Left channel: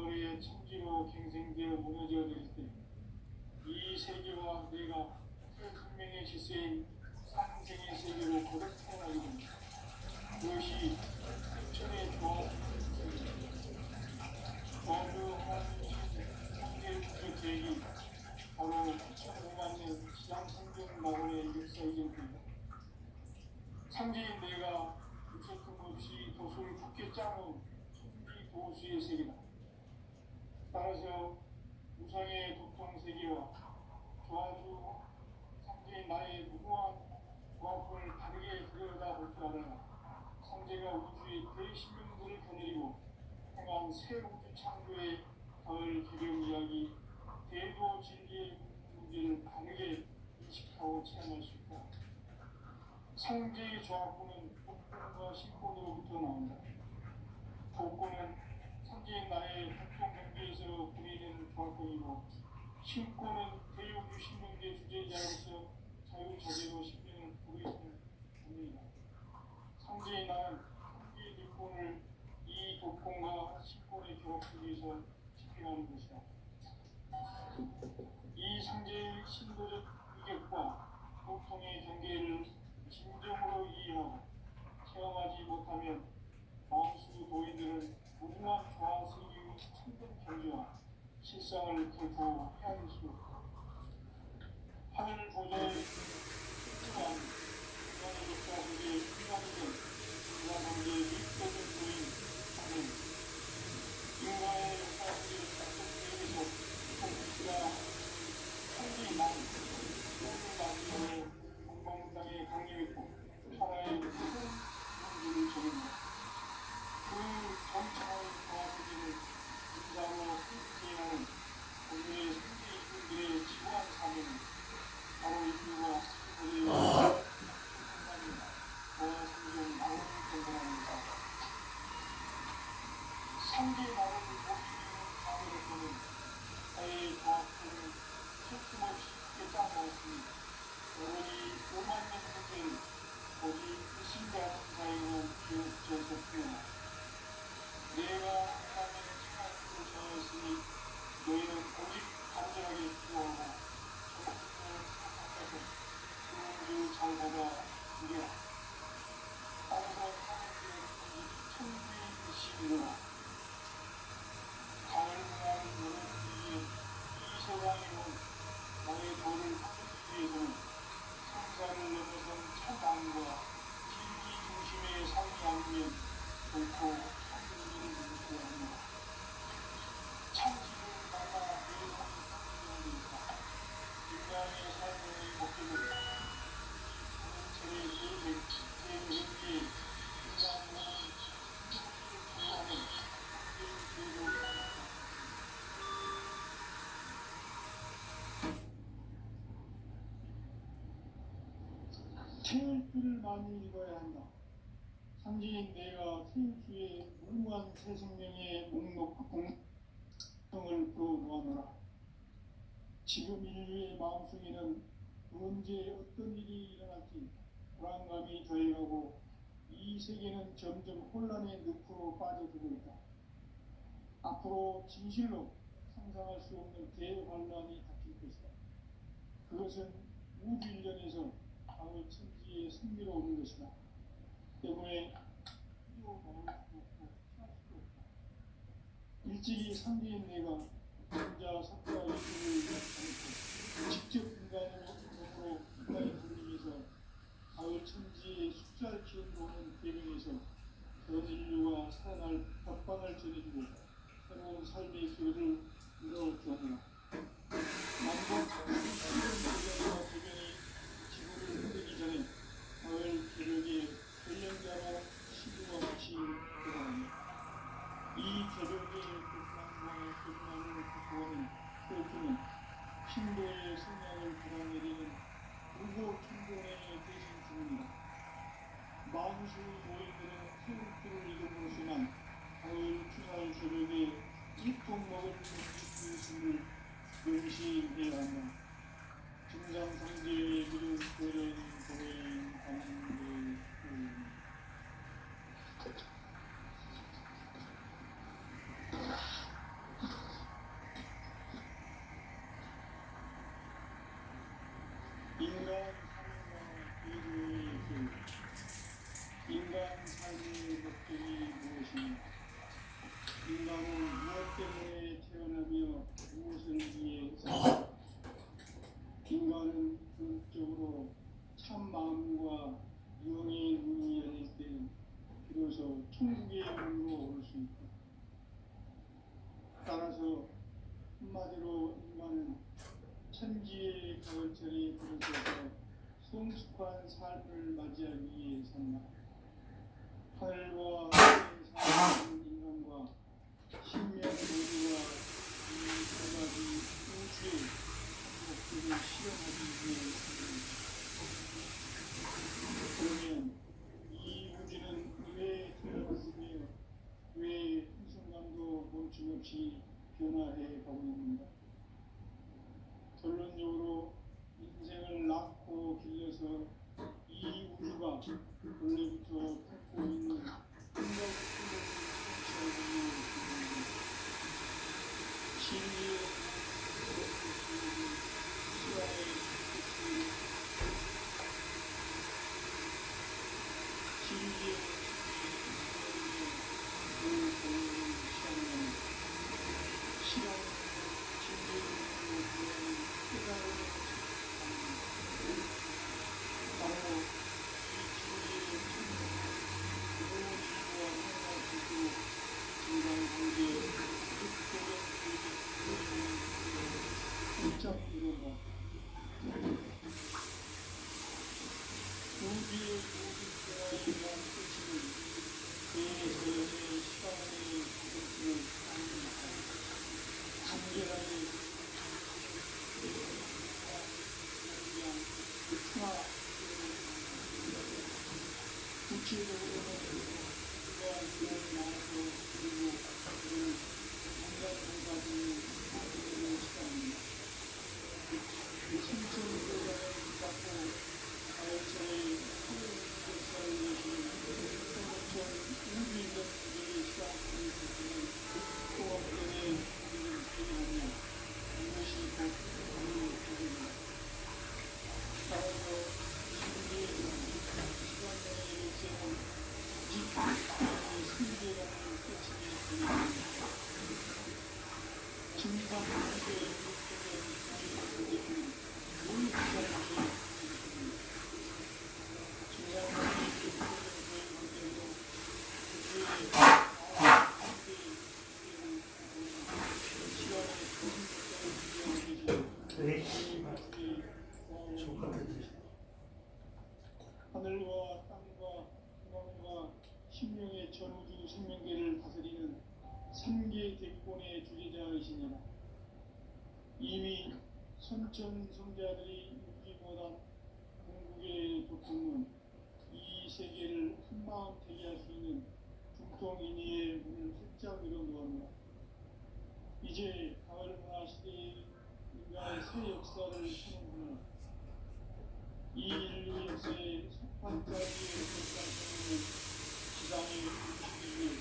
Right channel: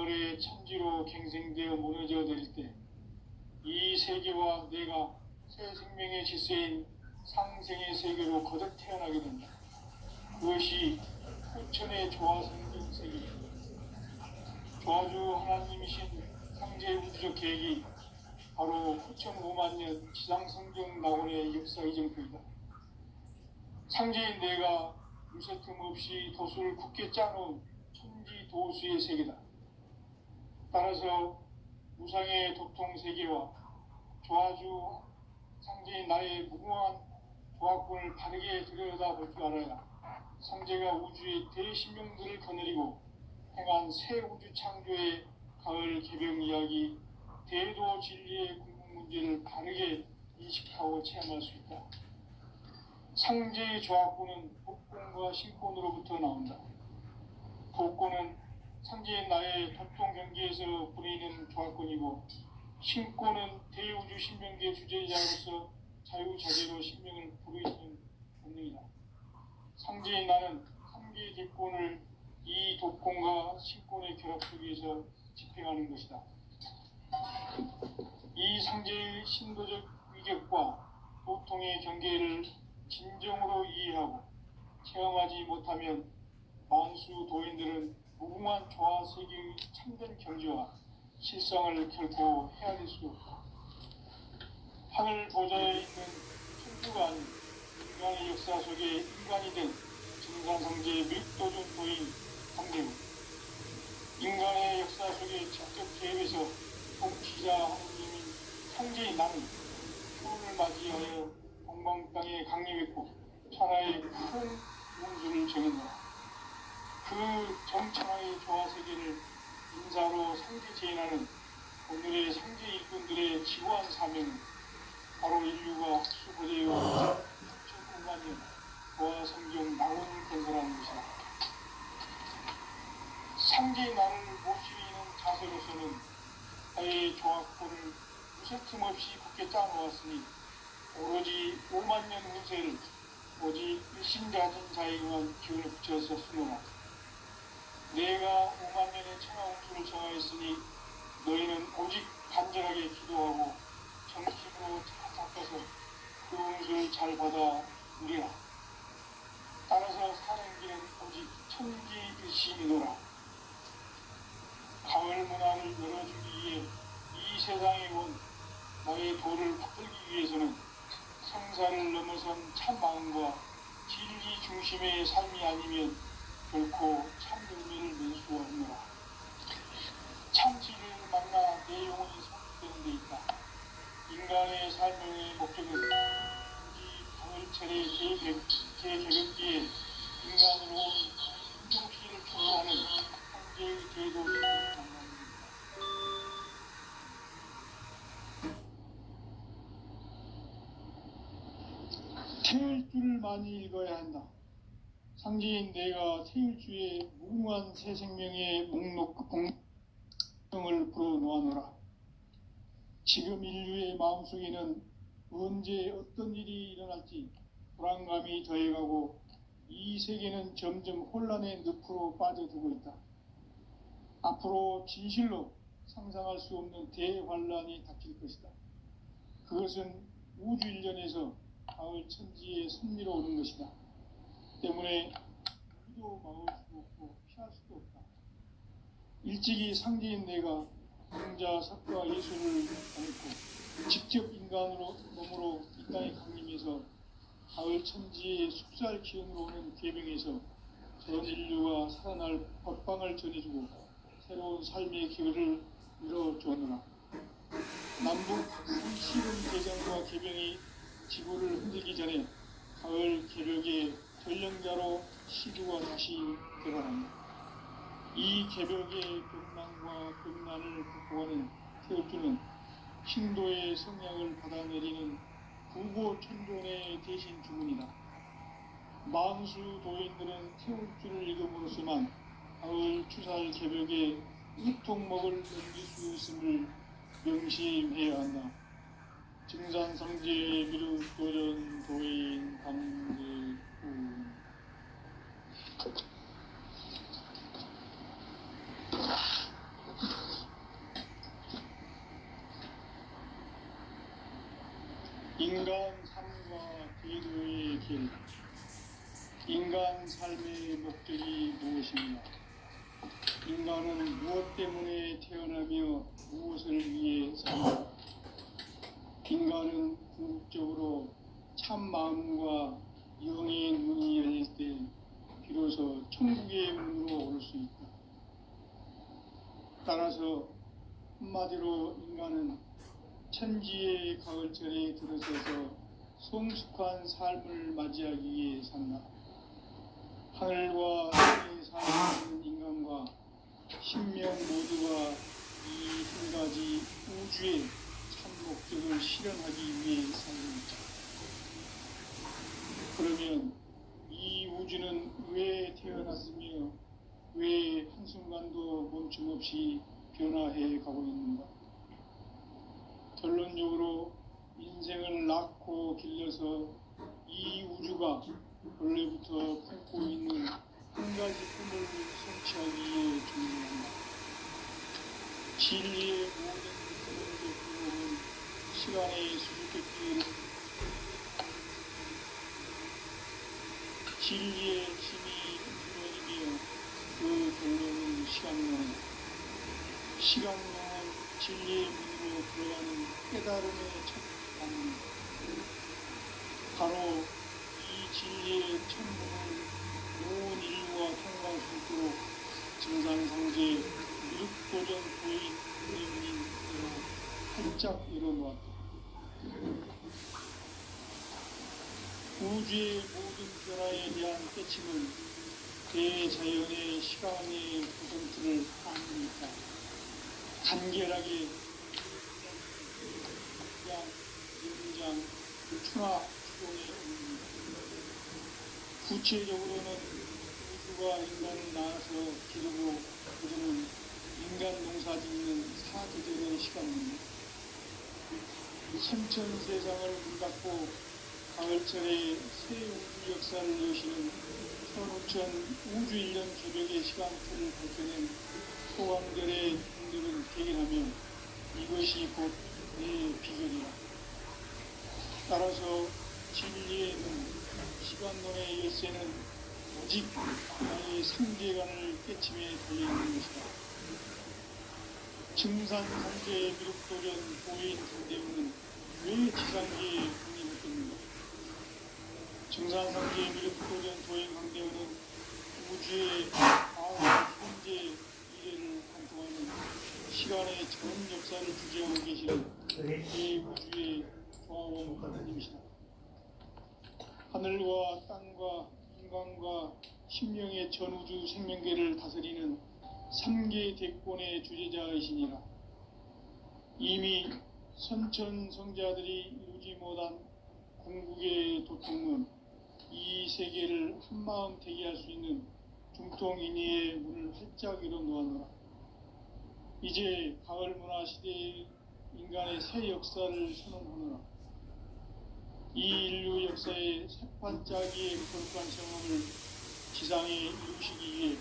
가을에 천지로 갱생되어 무너져 내릴 때 이 세계와 내가 새 생명의 질서인 상생의 세계로 거듭 태어나게 됩니다. 그것이 후천의 조화 생긴 세계입니다. 조화주 하나님이신 상제 우주적 계획이 바로 9,500만 년 지상성경 낙원의 역사 이정표이다. 상제인 내가 유세 틈 없이 도수를 굳게 짜놓은 천지 도수의 세계다. 따라서 무상의 도통 세계와 조화주 상제인 나의 무궁한 조화권을 바르게 들여다볼 줄 알아야 상제가 우주의 대신명들을 거느리고 행한 새 우주 창조의 가을 개병 이야기, 대도 진리의 궁극 문제를 바르게 인식하고 체험할 수 있다. 상제의 조화권은 복권과 신권으로부터 나온다. 복권은 상제인 나의 도통 경계에서 부리는 조화권이고, 신권은 대우주 신명계 주제자로서 자유자재로 신명을 부르시는 본능이다. 상제인 나는 상계의 뒷권을 이 독권과 신권의 결합 속에서 집행하는 것이다. 이 상제의 신도적 위격과 보통의 경계를 진정으로 이해하고 체험하지 못하면 만수 도인들은 무궁한 조화 세계의 참된 경지와 실상을 결코 헤아릴 수 없다. 하늘 보좌에 있는 천주가 아닌 인간의 역사 속에 인간이 된 증산성제의 밑도준 도인 상제는 인간의 역사 속에 직접 개입해서 통치자 하느님인 상제인 나는 처음을 맞이하여 동방 땅에 강림했고 천하의 큰 문주를 정했노라. 그 정천하의 조화세계를 인사로 상제 제인하는 오늘의 상제 일꾼들의 지구한 사명은 바로 인류가 학수고대의 6,900만 년 조화 성경 낙원을 건설하는 것이다. 상제의 나를 모시는 자세로서는 나의 조화권을 무쇠틈 없이 굳게 짜놓았으니 오로지 5만 년 후세를 오직 일심가진 자에 의한 기운을 붙여서 쓰노라. 내가 5만 년의 청하우주를 정하였으니 너희는 오직 간절하게 기도하고 정식으로 닦아서 그 우주를 잘 받아 누리라. 따라서 사는 길은 오직 천지일심이노라. 가을 문화를 열어주기 위해 이 세상에 온 나의 도를 붙들기 위해서는 성사를 넘어선 참 마음과 진리 중심의 삶이 아니면 결코 참들면을 낼 수 없노라. 참 진리를 만나 내 영혼이 상기되는 데 있다. 인간의 삶의 목적은 이 가을철의 대개혁기에 인간으로 온 인종시를 추구하는 황제의 제도를 만납니다. 태일주를 많이 읽어야 한다. 상제인 내가 태일주의 무궁한 새 생명의 목록 공명을 불어놓아노라. 지금 인류의 마음속에는 언제 어떤 일이 일어날지 불안감이 더해가고 이 세계는 점점 혼란의 늪으로 빠져들고 있다. 앞으로 진실로 상상할 수 없는 대환란이 닥칠 것이다. 그것은 우주 일련에서 가을 천지에 승리로 오는 것이다. 때문에 기도 막을 수도 없고 피할 수도 없다. 일찍이 상제인 내가 공자 석과 예술을 담고 직접 인간으로 몸으로 이 땅에 강림해서 가을 천지의 숲살 기운으로 오는 계명에서 전 인류가 살아날 법방을 전해주고 새로운 삶의 길을 열어주었노라. 남북 실은 대장과 계명이 지구를 흔들기 전에 가을 개벽의 전령자로 시주가 다시 들어간다. 이 개벽의 근망과 근난을 극복하는 태엽주는 신도의 성량을 받아내리는 구고 천존의 대신 주문이다. 만수 도인들은 태엽주를 읽음으로써만 가을 추살 개벽에 일통 먹을 넘길 수 있음을 명심해야 한다. 증산성제의 미륵 교련 도인 감대군. 인간 삶과 궤도의 길. 인간 삶의 목적이 무엇인가? 인간은 무엇 때문에 태어나며 무엇을 위해 사는가? 인간은 궁극적으로 참 마음과 영의 문이 열릴 때 비로소 천국의 문으로 올 수 있다. 따라서 한마디로 인간은 천지의 가을철에 들어서서 성숙한 삶을 맞이하기 위해 산다. 하늘과 땅에 사는 인간과 신명 모두가 이 두 가지 우주의 참 목적을 실현하기 위해 사는 것이다. 그러면 이 우주는 왜 태어났으며 왜 한순간도 멈춤없이 변화해 가고 있는가? 결론적으로 인생을 낳고 길러서 이 우주가 원래부터 품고 있는 한 가지 꿈을 성취하기 위해 준비한다. 진리의 모든 꿈은 시간의 수수께끼로 진리의 진이 내리며 그 결론은 시간론은 시간론은 진리의 문으로 들어가는 깨달음의 첫 방문이다. 바로 이 진리의 천문을 온 인류가 통과할 수 있도록 증상상제 육도전 도입문이 활짝 열어놓았다. 우주의 모든 변화에 대한 깨침은 대자연의 시간의 구성틀을 아닙니까? 간결하게 연장, 충화, 구체적으로는 우주가 인간을 낳아서 기르고 그들은 인간 농사 짓는 사계절의 시간입니다. 천천세상을 문닫고 가을철에 새 우주 역사를 여시는 서울천 우주 1년 개벽의 시간표를 볼 때는 소왕들의 능력을 발견하며 이것이 곧 내 비전이다. 따라서 진리의 문, 시간론의 열쇠는 오직 나의 성계관을 깨침에 달려있는 것이다. 증산상계의 미륵도전 도의 강대문은 왜 지상계의 강림했습니까? 증산상계의 미륵도전 도의 강대문은 우주의 현재 미래를 관통하는 시간의 전 역사를 주재하고 계시는 이 우주의 조화원님이시다. 하늘과 땅과 인간과 심령의 전우주 생명계를 다스리는 3계 대권의 주제자이시니라. 이미 선천성자들이 이루지 못한 궁극의 도통문, 이 세계를 한마음 대기할 수 있는 중통인의의 문을 활짝 열어놓았노라. 이제 가을 문화 시대의 인간의 새 역사를 선언하노라. 이 인류 역사의 새반짝이의 거룩한 성함을 지상에 이루시기 위해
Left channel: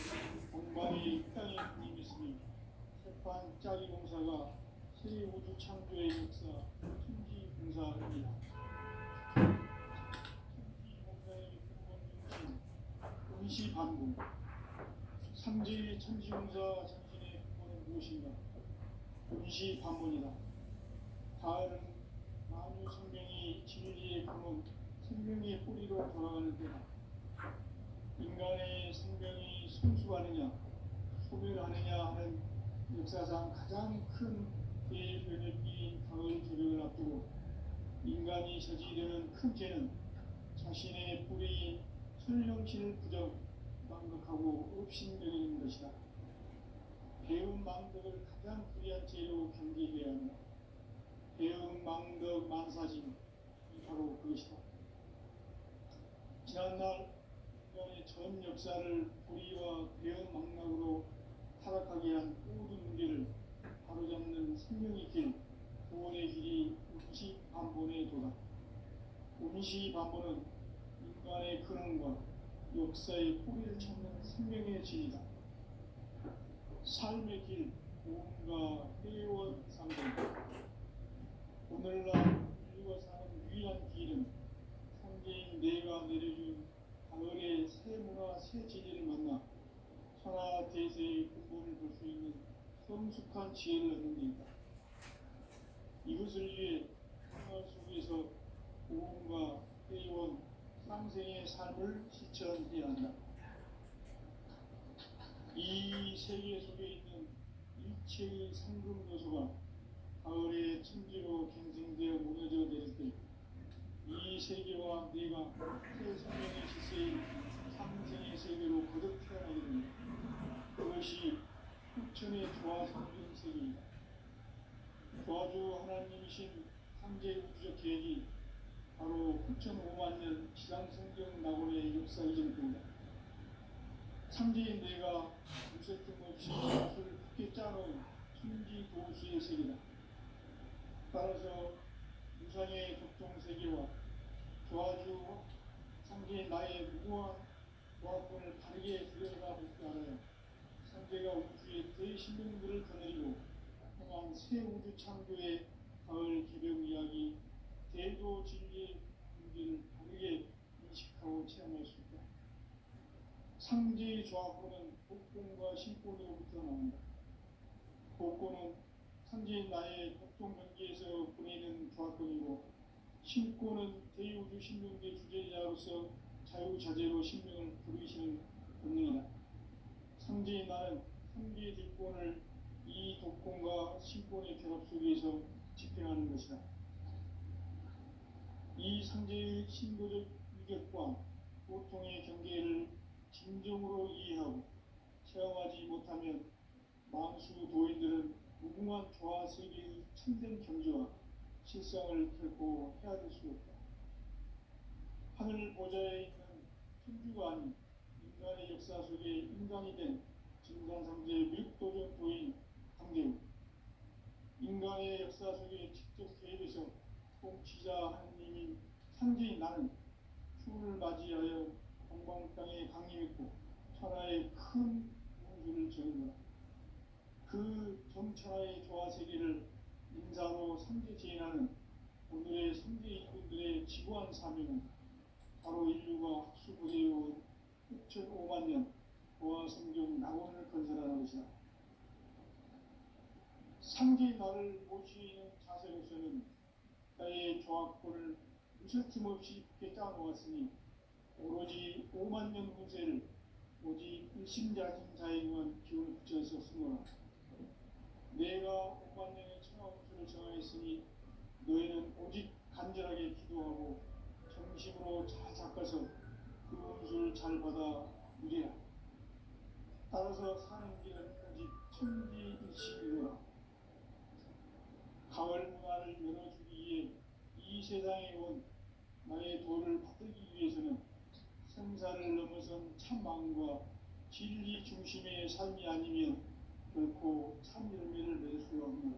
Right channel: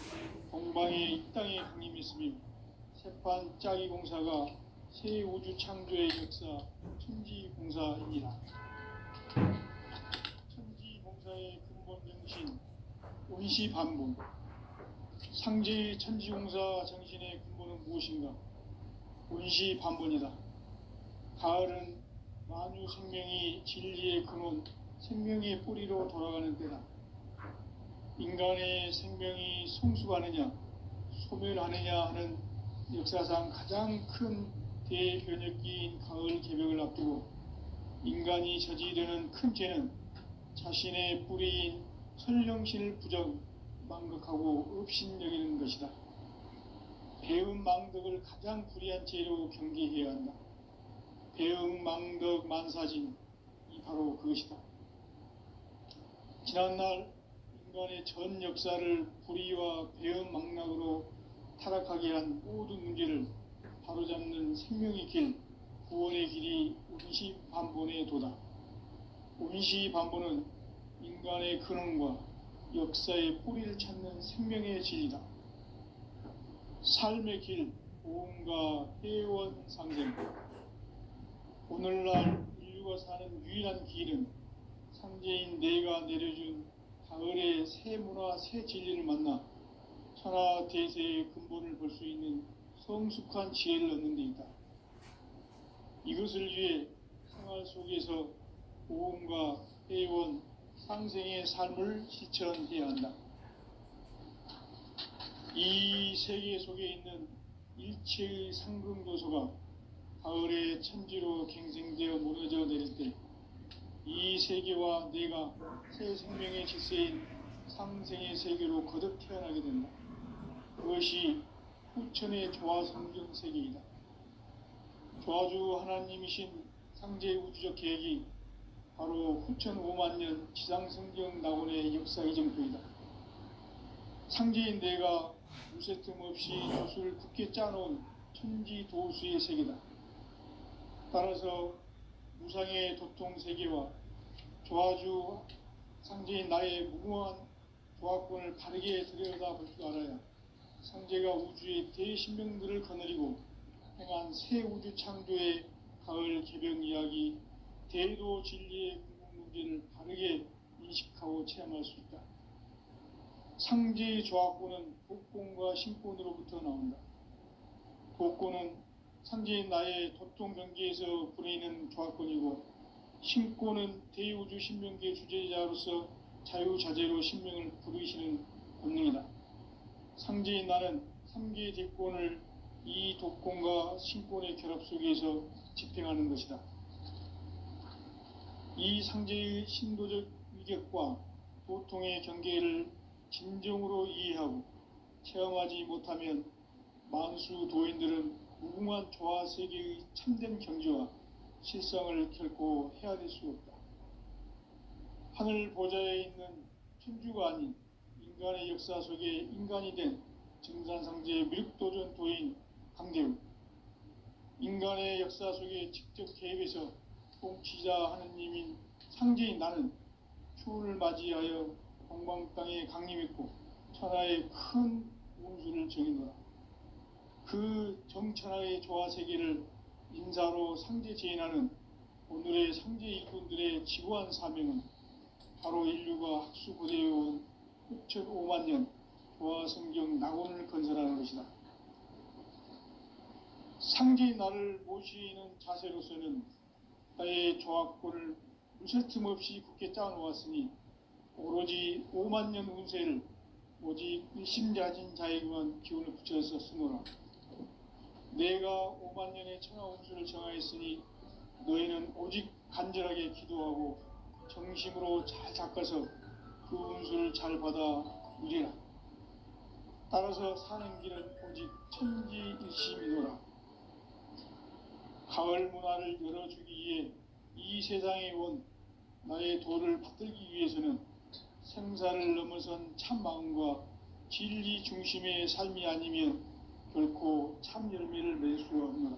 공방의 이 땅에 강림했으며 새반짝이 공사가 새 우주 창조의 역사 천지공사입니다. 천지공사의 근본 정신 운시반분. 상제의 천지공사 정신의 근본은 무엇인가? 운시반분이다. 가을은 만유 생명이 진리의 근원, 생명의 뿌리로 돌아가는 때다. 인간의 생명이 성숙하느냐, 소멸하느냐 하는 역사상 가장 큰 대변혁기인 가을 개벽을 앞두고 인간이 저지르는 큰 죄는 자신의 뿌리인 선령신을 부정, 망극하고 업신여기는 것이다. 배음 망덕을 가장 불의한 죄로 경계해야 한다. 배음 망덕 만사진, 이 바로 그것이다. 지난날 인간의 전 역사를 불의와 배음 망락으로 타락하게 한 모든 문제를 바로잡는 생명의 길, 구원의 길이 운시반본의 도다. 운시반본은 인간의 근원과 역사의 뿌리를 찾는 생명의 진리다. 삶의 길, 고음과 회원 상생. 오늘날 인류가 사는 유일한 길은 상제인 내가 내려준 가을의 새 문화, 새 진리를 만나 천하 대세의 근본을 볼 수 있는 성숙한 지혜를 얻는 데 있다. 이것을 위해 생활 속에서 고음과 회원, 상생의 삶을 실천해야 한다. 이 세계 속에 있는 일체의 상금도서가 가을의 천지로 갱생되어 무너져 내릴 때 이 세계와 내가 새 생명의 질서인 상생의 세계로 거듭 태어나게 된다. 그것이 후천의 조화성경 세계이다. 조화주 하나님이신 상제 우주적 계획이 바로 후천 5만년 지상성경 낙원의 역사 이정표이다. 상제인 내가 무쇠 틈 없이 붓을 굳게 짜놓은 천지 도수의 세계다. 따라서 무상의 도통 세계와 조화주 상제인 나의 무궁한 조화권을 바르게 들여다볼 줄 알아야 상제가 우주의 대신명들을 거느리고 행한 새 우주 창조의 가을 개병 이야기, 대도 진리의 궁극 문제를 바르게 인식하고 체험할 수 있다. 상제의 조화권은 복권과 신권으로부터 나온다. 복권은 상제인 나의 도통 경계에서 부리는 조화권이고, 신권은 대우주 신명계 주제자로서 자유자재로 신명을 부르시는 본능이다. 상제인 나는 3개의 대권을 이 독권과 신권의 결합 속에서 집행하는 것이다. 이 상제의 신도적 위격과 도통의 경계를 진정으로 이해하고 체험하지 못하면 만수 도인들은 무궁한 조화 세계의 참된 경지와 실상을 결코 헤아릴 수 없다. 하늘 보좌에 있는 천주가 아닌 인간의 역사 속에 인간이 된 증산상제 미륵도전 도인 강대우, 인간의 역사 속에 직접 개입해서 통치자 하느님인 상제인 나는 추운을 맞이하여 동방 땅에 강림했고 천하의 큰 운수를 정해놓아 그 정천하의 조화세계를 인사로 상제 제인하는 오늘의 상제 일꾼들의 지구한 사명은 바로 인류가 학수고대해온 6,5만 년 조화성경 낙원을 건설하는 것이다. 상제인 나를 모시는 자세로서는 나의 조화권을 무쇠 틈 없이 굳게 짜놓았으니 오로지 5만 년 운세를 오직 일심자진 자에게만 기운을 붙여서 쓰노라. 내가 5만 년의 천하 운수를 정하였으니 너희는 오직 간절하게 기도하고 정심으로 잘 닦아서 그 운수를 잘 받아 누리라. 따라서 사는 길은 오직 천지일심이노라. 가을 문화를 열어주기 위해 이 세상에 온 나의 도를 받들기 위해서는 생사를 넘어선 참 마음과 진리 중심의 삶이 아니면 결코 참 열매를 맺을 수가 없노라.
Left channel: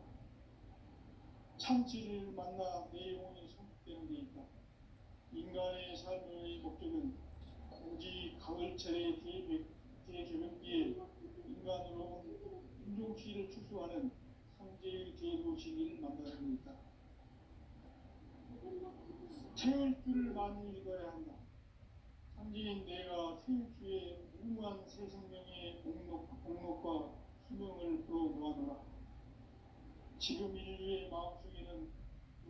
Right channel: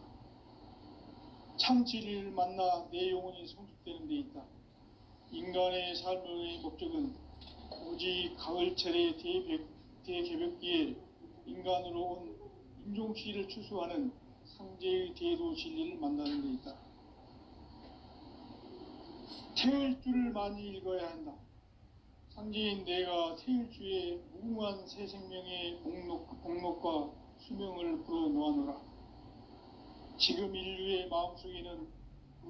참 진리를 만나 내 영혼이 성숙되는 데 있다. 인간의 삶의 목적은 오직 가을철의 대개벽기에 인간으로 온 인종시를 추수하는 상제의 대도 진리를 만나는 데 있다. 태을 줄을 많이 읽어야 한다. 상제인 내가 태일주의 무궁한 새 생명의 목록과 수명을 불어놓아노라. 지금 인류의 마음속에는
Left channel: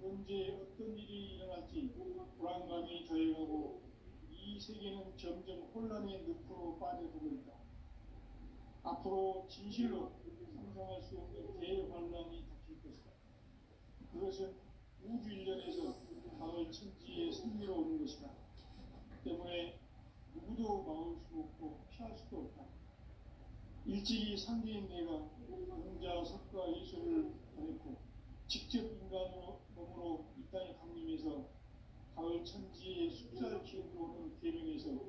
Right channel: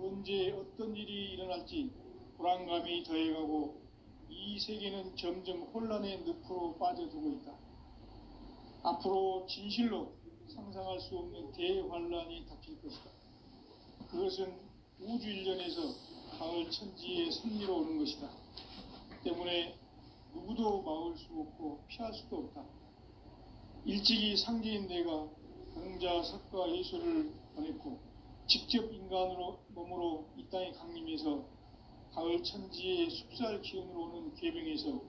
언제 어떤 일이 일어날지 불안감이 더해가고 이 세계는 점점 혼란의 늪으로 빠져들고 있다. 앞으로 진실로 상상할 수 없는 대환란이 닥칠 것이다. 그것은 우주 일련에서 가을 천지의 승리로 오는 것이다. 때문에 누구도 막을 수 없고 피할 수도 없다. 일찍이 상제인 내가 공자, 석가, 예수를 보냈고 직접 인간으로 몸으로 이 땅에 강림해서 가을 천지의 숲살 기운으로 오는 계명에서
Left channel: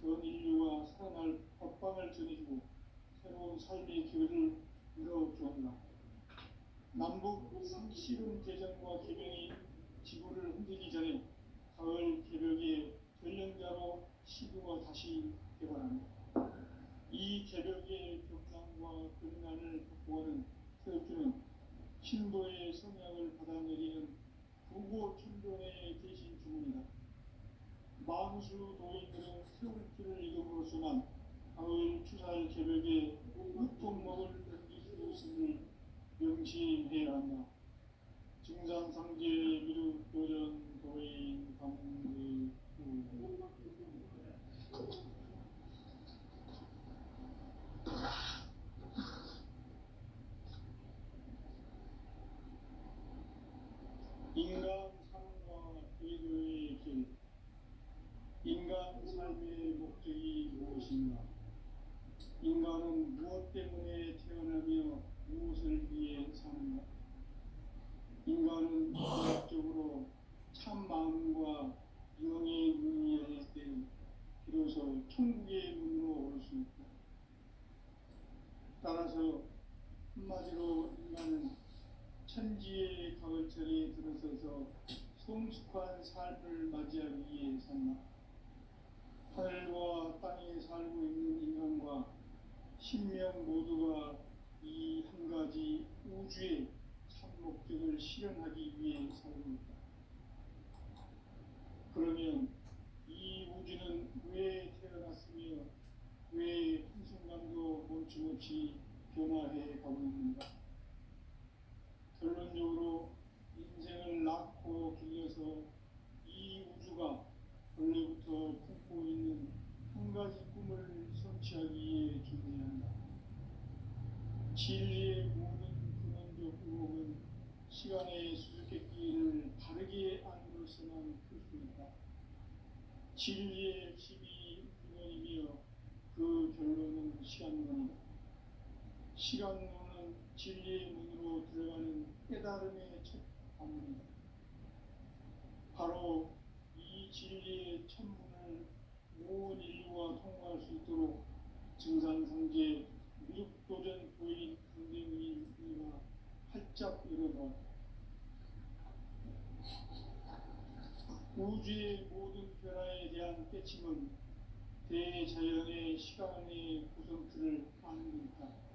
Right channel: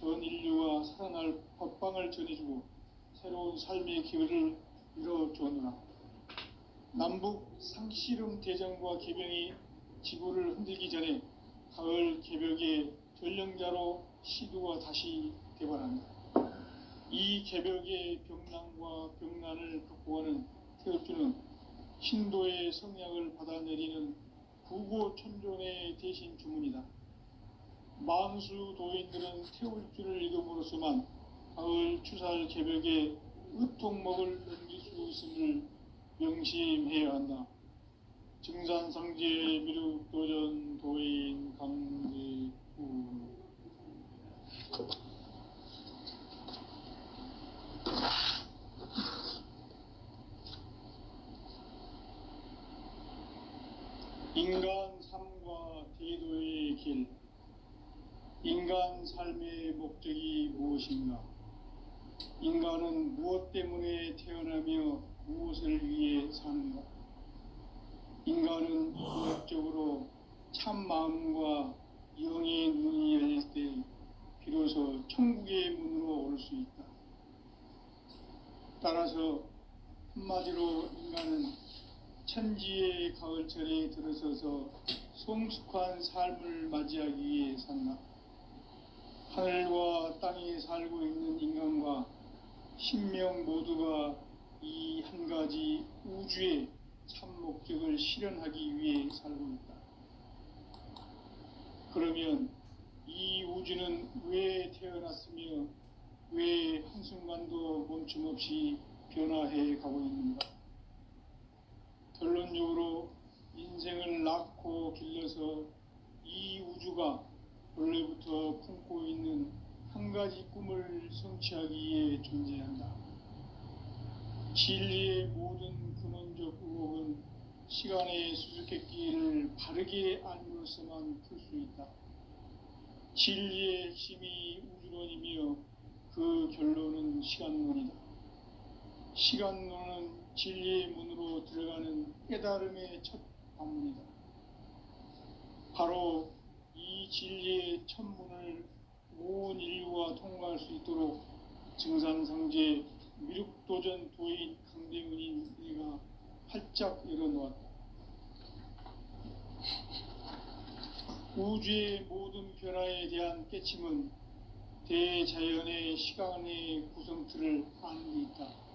전 인류가 살아날 법방을 전해주고 새로운 삶의 기회를 이뤄주었노라. 남북 상씨름 대전과 계병이 지구를 흔들기 전에 가을 개벽의 전령자로 시도가 다시 개발한다. 이 개벽의 병난과 병난을 극복하는 태엽주는 신도의 성향을 받아내리는 구고천존의 대신 주문이다. 만수 도인들은 태울 줄을 읽음으로써만 가을 추살 개벽에 으통먹을 넘길 수 있음을 명심해야 한다. 증산상제 미륵도전 도인 강대구. 인간 삶과 대도의 길. 인간 삶의 목적이 무엇인가? 인간은 무엇 때문에 태어나며 무엇을 위해 사는가? 인간은 본격적으로 참 마음과 영의 눈이 열릴 때 비로소 천국의 문으로 올 수 있다. 따라서 한마디로 인간은 천지의 가을철에 들어서서 성숙한 삶을 맞이하기 위해 산다. 하늘과 땅에 살고 있는 인간과 신명 모두가 이 한 가지 우주의 참 목적을 실현하기 위해 살고 있다. 그러면 이 우주는 왜 태어났으며 왜 한순간도 멈춤없이 변화해 가고 있는가? 결론적으로 인생을 낳고 길러서 이 우주가 원래부터 품고 있는 한 가지 꿈을 성취하기 위해 존재한다. 진리의 모든 근원적 의혹은 시간의 수수께끼를 바르게 알므로써만 풀 수 있다. 진리의 핵심이 우주론이며 그 결론은 시간론이다. 시간론은 진리의 문으로 들어가는 깨달음의 첫 관문이다. 바로 이 진리의 첫 문을 온 인류가 통과할 수 있도록 증산상제 미륵도전 도인 강대문인 네가 활짝 열어놓았다. 우주의 모든 변화에 대한 깨침은 대자연의 시간의 구성틀을 아는 데 있다.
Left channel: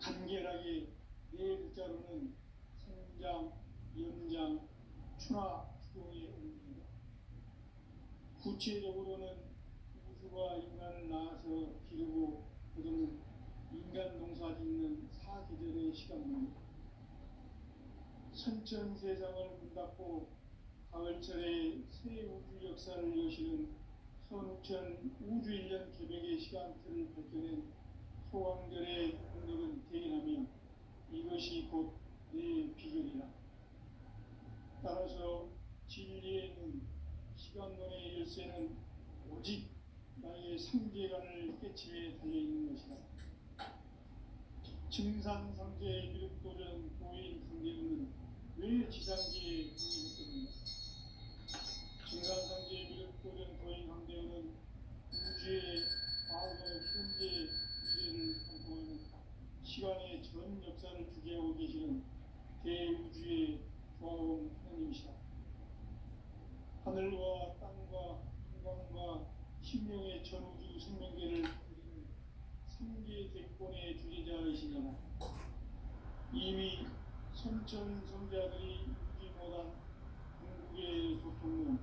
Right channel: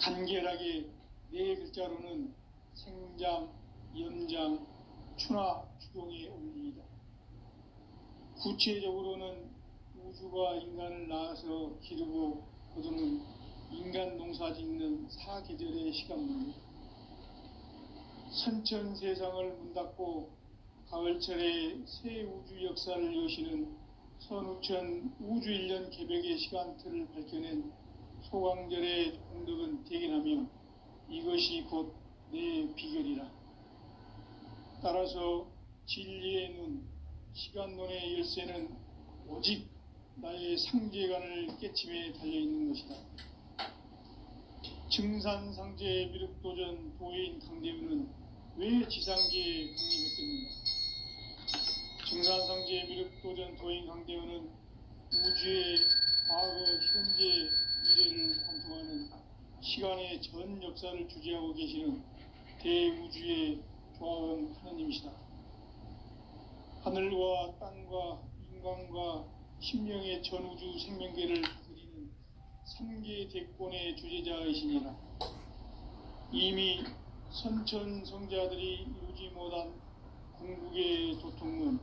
간결하게 네 글자로는 생장, 연장, 추나 추동의 원리이다. 구체적으로는 우주가 인간을 낳아서 기르고 거두는 인간 농사 짓는 사계절의 시간문이다. 선천 세상을 문 닫고 가을철에 새 우주 역사를 여시는 선우천 우주 1년 개벽의 시간틀을 밝혀낸 소강절의 공덕은 대견하며 이것이 곧 내 비결이라. 따라서 진리의 눈, 시간론의 열쇠는 오직 나의 상제관을 깨침에 달려있는 것이다. 증산상제 미륵도전 도인 강대문은 왜 지상계에 강림했겠는가? 증산상제 미륵도전 도인 강대문은 우주의 과거, 현재, 미래를 관통하는 시간의 전 역사를 주재하고 계시는 대우주의 조화원 하느님이시다. 하늘과 땅과 인간과 신명의 전우주 생명계를 그리는 삼계 대권의 주제자이시니라. 이미 선천성자들이 이루지 못한 궁극의 도통문,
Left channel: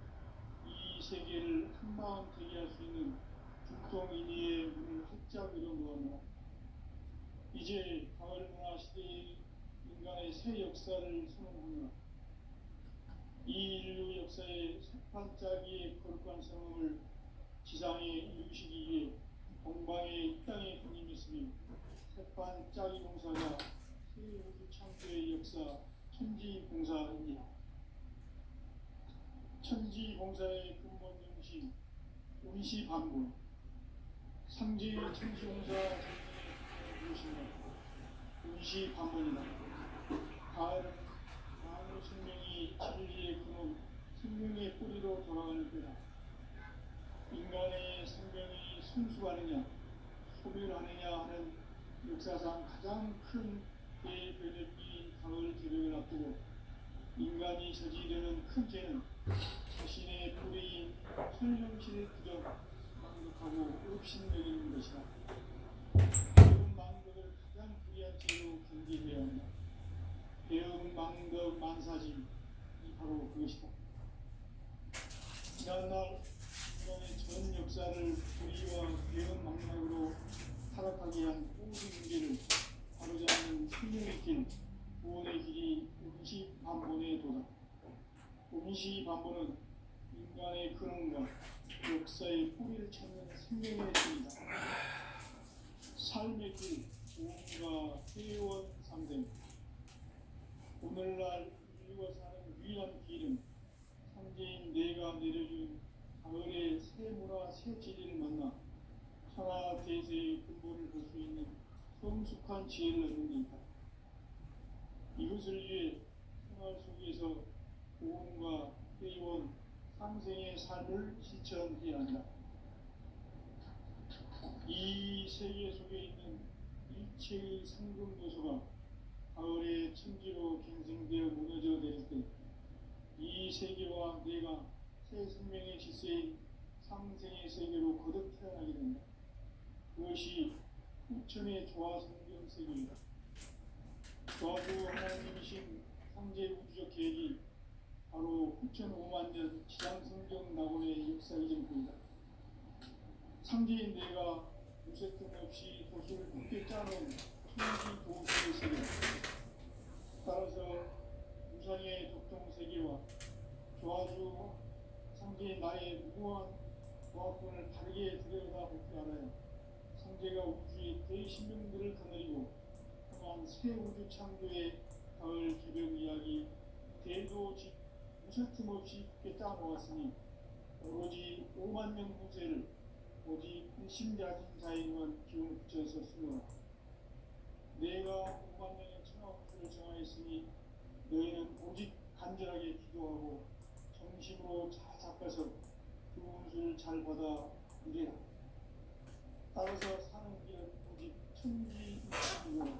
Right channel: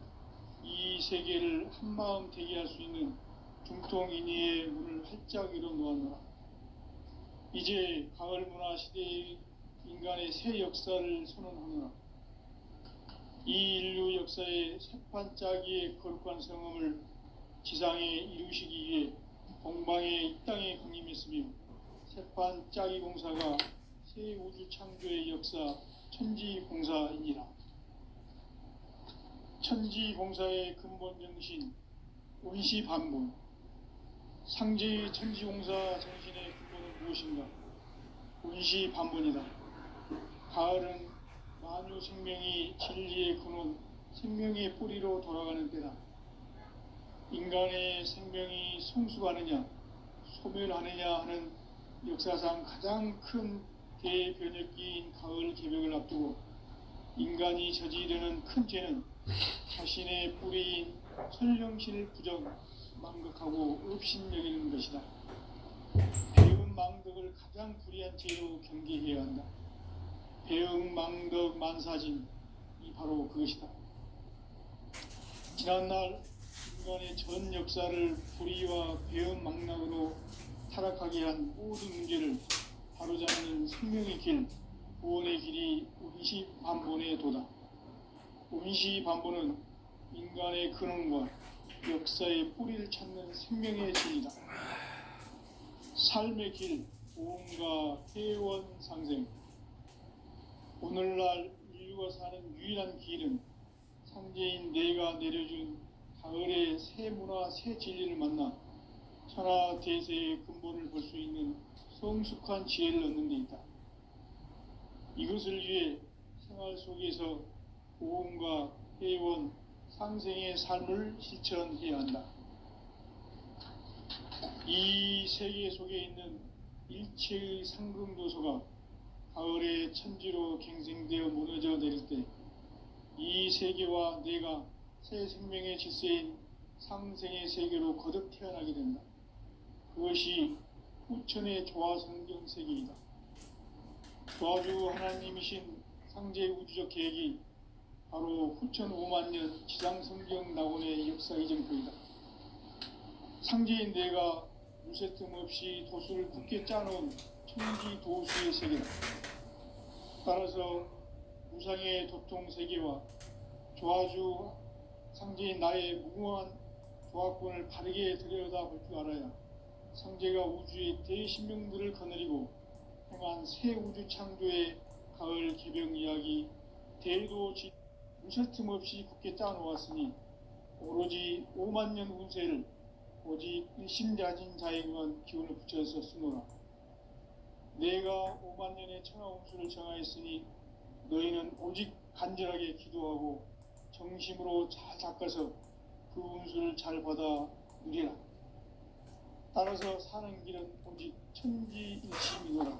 이 세계를 한마음 되게 할 수 있는 중통인의의 문을 활짝 열어놓았노라. 이제 가을 문화 시대의 인간의 새 역사를 선언하노라. 이 인류 역사의 새판짜기의 거룩한 성음을 지상에 이루시기 위해 동방의 이 땅에 강림했으며 새판짜기 공사가 새 우주 창조의 역사 천지공사이니라. 천지공사의 근본 정신 운시반분, 상제의 천지공사 정신의 근본은 무엇인가? 운시반분이다. 가을은 만유 생명이 진리의 근원, 생명의 뿌리로 돌아가는 때다. 인간의 생명이 성숙하느냐, 소멸하느냐 하는 역사상 가장 큰 대변혁기인 가을 개벽을 앞두고 인간이 저지르는 큰 죄는 자신의 뿌리인 설령신을 부정, 망극하고 업신여기는 것이다. 배움 망덕을 가장 불의한 죄로 경계해야 한다. 배움 망덕 만사진, 바로 그것이다. 지난날 인간의 전 역사를 불의와 배은망락으로 타락하게 한 모든 문제를 바로잡는 생명의 길, 구원의 길이 운시반본의 도다. 운시반본은 인간의 근원과 역사의 뿌리를 찾는 생명의 길이다. 삶의 길, 보험과 회원 상생. 오늘날 인류가 사는 유일한 길은 삼재인 내가 내려준 가을의 새 문화, 새 진리를 만나 천하 대세의 근본을 볼 수 있는 성숙한 지혜를 얻는 데 있다. 이것을 위해 생활 속에서 보험과 회원, 상생의 삶을 실천해야 한다. 이 세계 속에 있는 일체의 상금도서가 가을의 천지로 갱생되어 무너져 내릴 때 이 세계와 내가 새 생명의 질서인 상생의 세계로 거듭 태어나게 된다. 그것이 후천의 조화성경 세계이다. 조화주 하나님이신 상제 우주적 계획이 바로 후천 5만 년 지상성경 낙원의 역사 이전표이다. 상제인 내가 무쇠 틈 없이 도수를 굳게 짜놓은 천지 도수의 세계다. 따라서 무상의 도통 세계와 조화주 상제인 나의 무궁한 조화권을 바르게 들여다볼 줄 알아야 상제가 우주의 대신명들을 거느리고 행한 새 우주 창조의 가을 개병 이야기 대도 무쇠 틈 없이 굳게 짜놓았으니 오로지 5만 년 운세를 오직 일심자진 자에게만 기운을 붙여서 쓰노라. 내가 5만 년의 천하 운수를 정하였으니 너희는 오직 간절하게 기도하고 정심으로 잘 닦아서 그 운수를 잘 받아 누리라. 따라서 사는 길은 오직 천지일심이노라.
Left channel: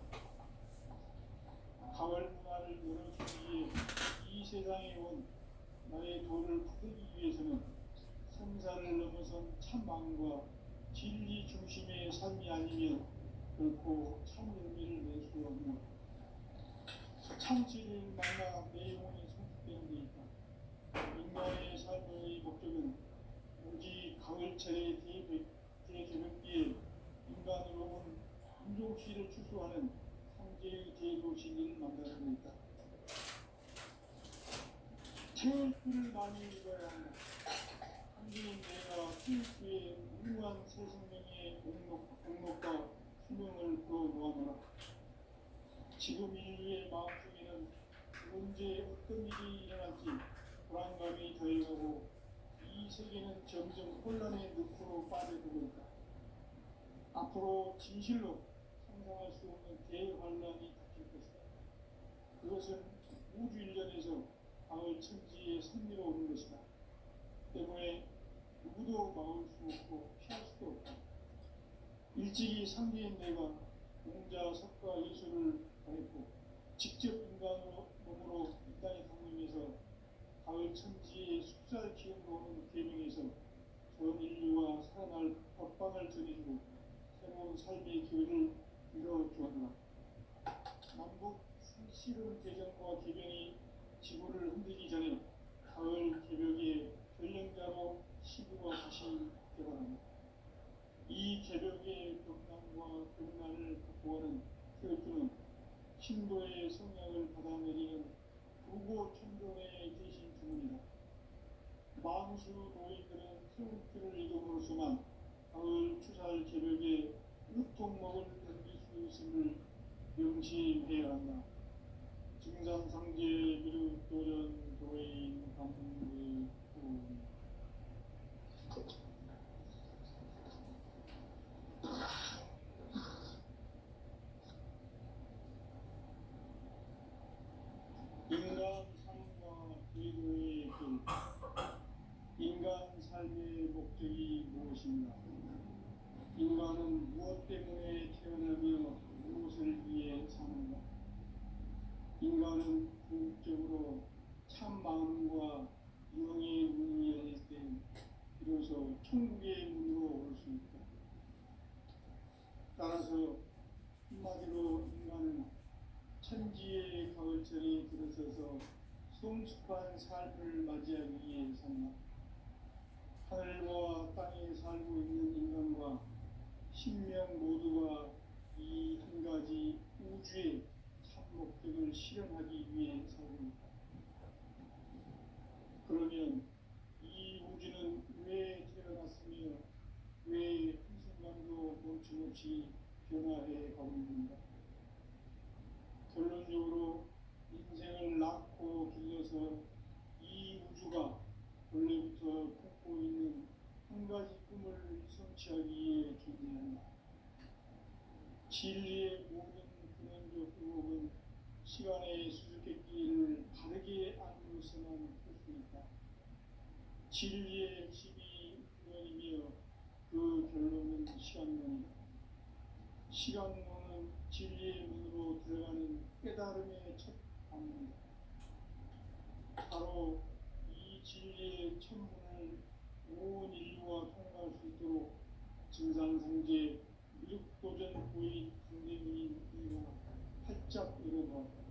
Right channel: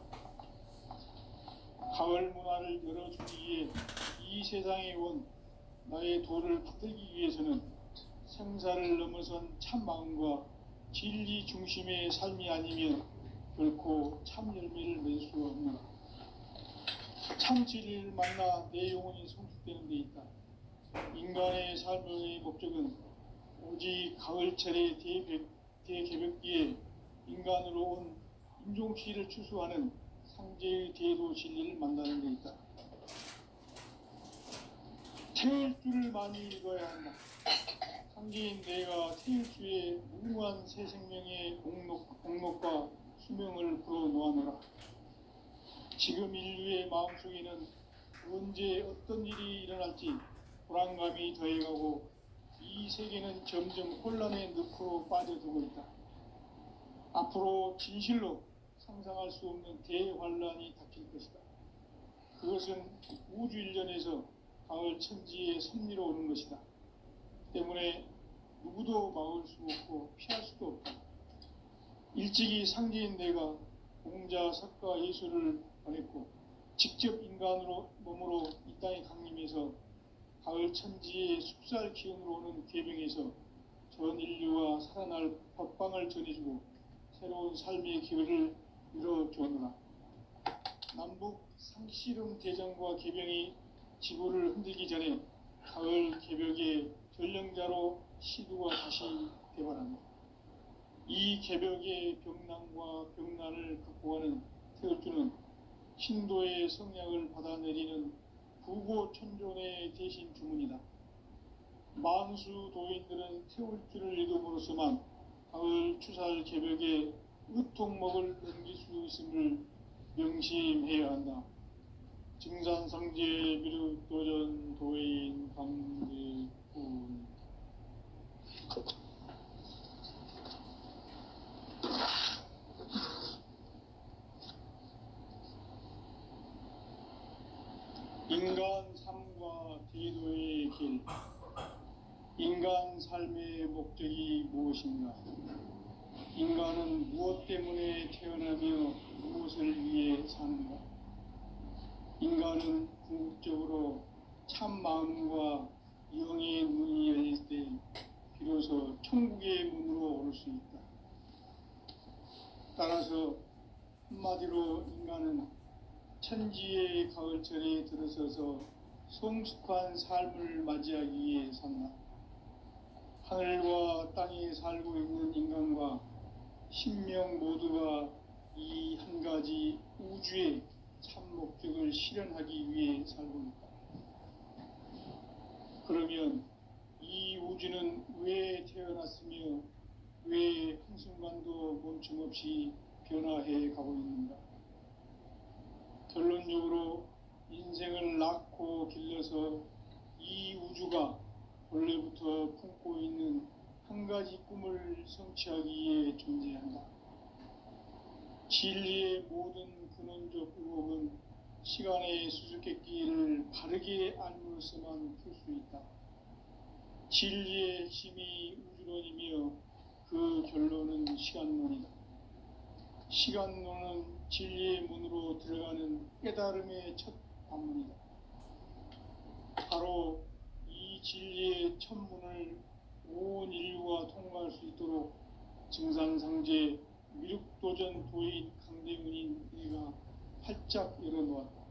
가을 문화를 열어주기 위해 이 세상에 온 나의 도를 받들기 위해서는 생사를 넘어선 참 마음과 진리 중심의 삶이 아니면 결코 참 열매를 낼 수 없노라. 참 진리를 만나 내 영혼이 성숙되는 데 있다. 인간의 삶의 목적은 오직 가을철의 대개벽기에 인간으로 온 인종시를 추수하는 상제의 대도 진리를 만나는 데 있다. 태울 줄을 많이 읽어야 한다. 상제인 내가 태울 주의 무궁한 새 생명의 공록과 수명을 불어놓아노라. 지금 인류의 마음속에는 언제 어떤 일이 일어날지 불안감이 더해가고 이 세계는 점점 혼란의 늪으로 빠져들고 있다. 앞으로 진실로 상상할 수 없는 대환란이 닥칠 것이다. 그것은 우주 일련에서 가을 천지의 섭리로 오는 것이다. 때문에 누구도 막을 수 없고 피할 수도 없다. 일찍이 상제인 내가 공자, 석가, 예수를 보냈고 직접 인간으로 몸으로 이 땅에 강림해서 가을 천지의 숲살 기운으로 오는 괴병에서 전 인류와 살아날 법방을 전해주고 새로운 삶의 기회를 열어주었노라. 남북 상씨름 대전과 개병이 지구를 흔들기 전에 가을 개벽의 전령자로 시두가 다시 개발한다. 이 개벽의 병난과 병난을 극복하는 태울주는 신도의 성량을 받아내리는 부고천존의 대신 주문이다. 만수 도인들은 태울주를 읽음으로써만 가을 추살 개벽의 으통목을 넘길 수 있음을 명심해야 한다. 증산성제 미륵도전 도인 감대군. 인간 삶과 제도의 길. 인간 삶의 목적이 무엇인가? 인간은 무엇 때문에 태어나며 무엇을 위해 사는가? 인간은 궁극적으로 참 마음과 영의 문이 열릴 때 비로소 천국의 문으로 올 수 있다. 따라서 한마디로 인간은 천지의 가을철에 들어서서 성숙한 삶을 맞이하기 위해 산다. 하늘과 땅에 살고 있는 인간과 신명 모두가 이 한 가지 우주의 참 목적을 실현하기 위해 살고 있다. 그러면 이 우주는 왜 태어났으며 왜 한순간도 멈춤없이 변화해 가고 있는가? 결론적으로 인생을 낳고 길러서 이 우주가 원래부터 품고 있는 한 가지 꿈을 성취하기 위해 존재한다. 진리의 모든 근원적 의혹은 시간의 수수께끼를 바르게 알므로서만 풀 수 있다. 진리의 핵심이 우주론이며 그 결론은 시간론이다. 시간론은 진리의 문으로 들어가는 깨달음의 첫 방문이다. 바로 이 진리의 첫 문을 온 인류가 통과할 수 있도록 증산상제 미륵도전 도인 강대문인 내가 활짝 열어놓았다.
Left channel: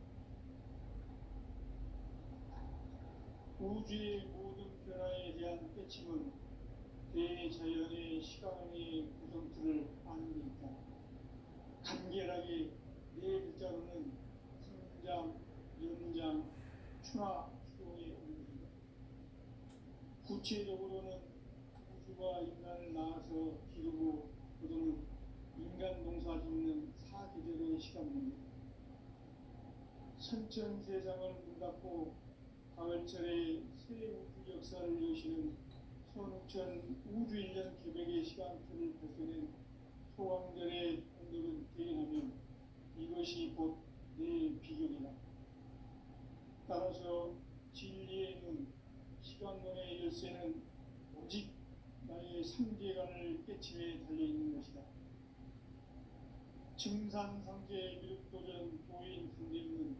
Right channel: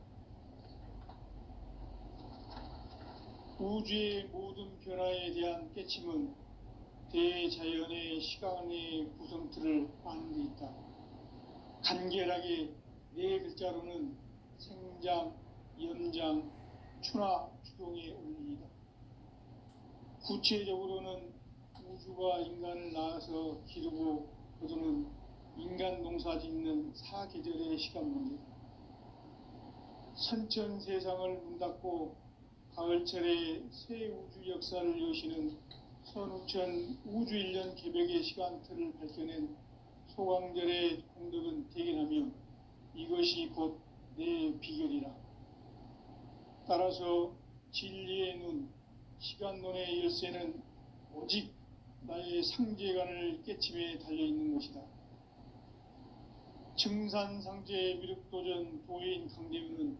우주의 모든 변화에 대한 깨침은 대자연의 시간의 구성틀을 아는 데 있다. 간결하게 네 글자로는 생장, 연장, 추나 추동의 원리이다. 구체적으로는 우주가 인간을 낳아서 기르고 거두는 인간 농사 짓는 사계절의 시간 문제다. 선천 세상을 문닫고 가을철에 새 우주 역사를 여시는 선우천 우주 1년 개벽의 시간틀을 밝혀낸 소강절의 공덕은 대견하며 이것이 곧 내 비결이라. 따라서 진리의 눈, 시간론의 열쇠는 오직 나의 상제관을 깨침에 달려있는 것이다. 증산상제 미륵도전 도인 강대문은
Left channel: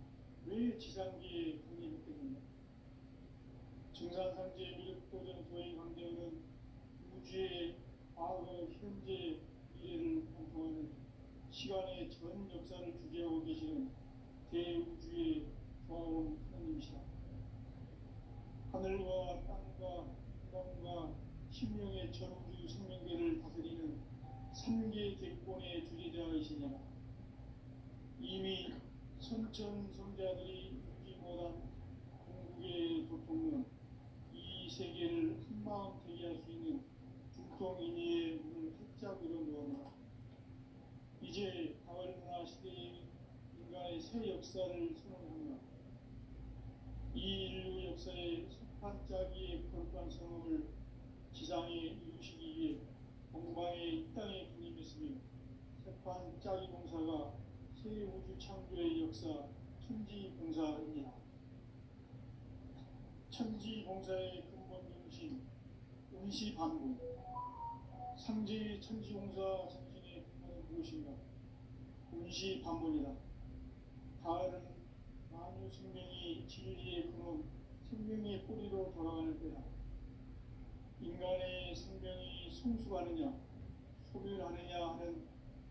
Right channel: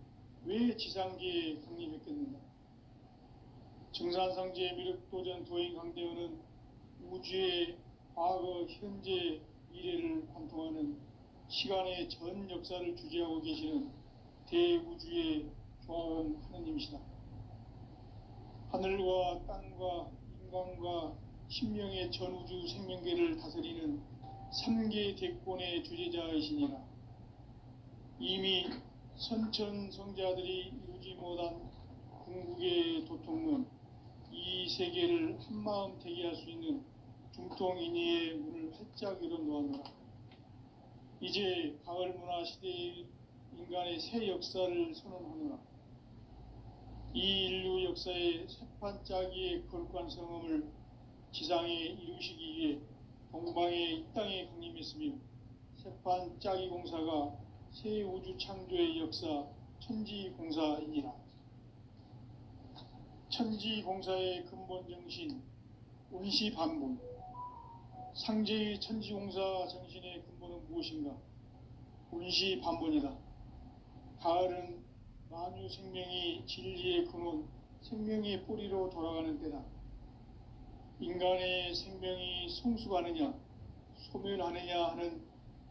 왜 지상계에 강림했겠는가? 증산상제 미륵도전 도인 강대문은 우주의 과거, 현재, 미래를 관통하는 시간의 전 역사를 주재하고 계시는 대우주의 조화원 하느님이시다. 하늘과 땅과 인간과 신명의 전우주 생명계를 다스리는 3계 대권의 주재자이시니라. 이미 선천 성자들이 이루지 못한 궁극의 도통론, 이 세계를 한마음 되게 할 수 있는 중통인의의 문을 활짝 열어놓아노라. 이제 가을 문화 시대의 인간의 새 역사를 선언하노라. 이 인류 역사의 새판짜기의 거룩한 성음을 지상에 이루시기 위해 동방의 이 땅에 강림했으며 새판짜기 공사가 새 우주 창조의 역사 천지공사이니라. 천지공사의 근본 정신 운시반분, 상제의 천지공사 정신의 근본은 무엇인가? 운시반분이다. 가을은 만유 생명이 진리의 근원, 생명의 뿌리로 돌아가는 때다. 인간의 생명이 성숙하느냐, 소멸하느냐 하는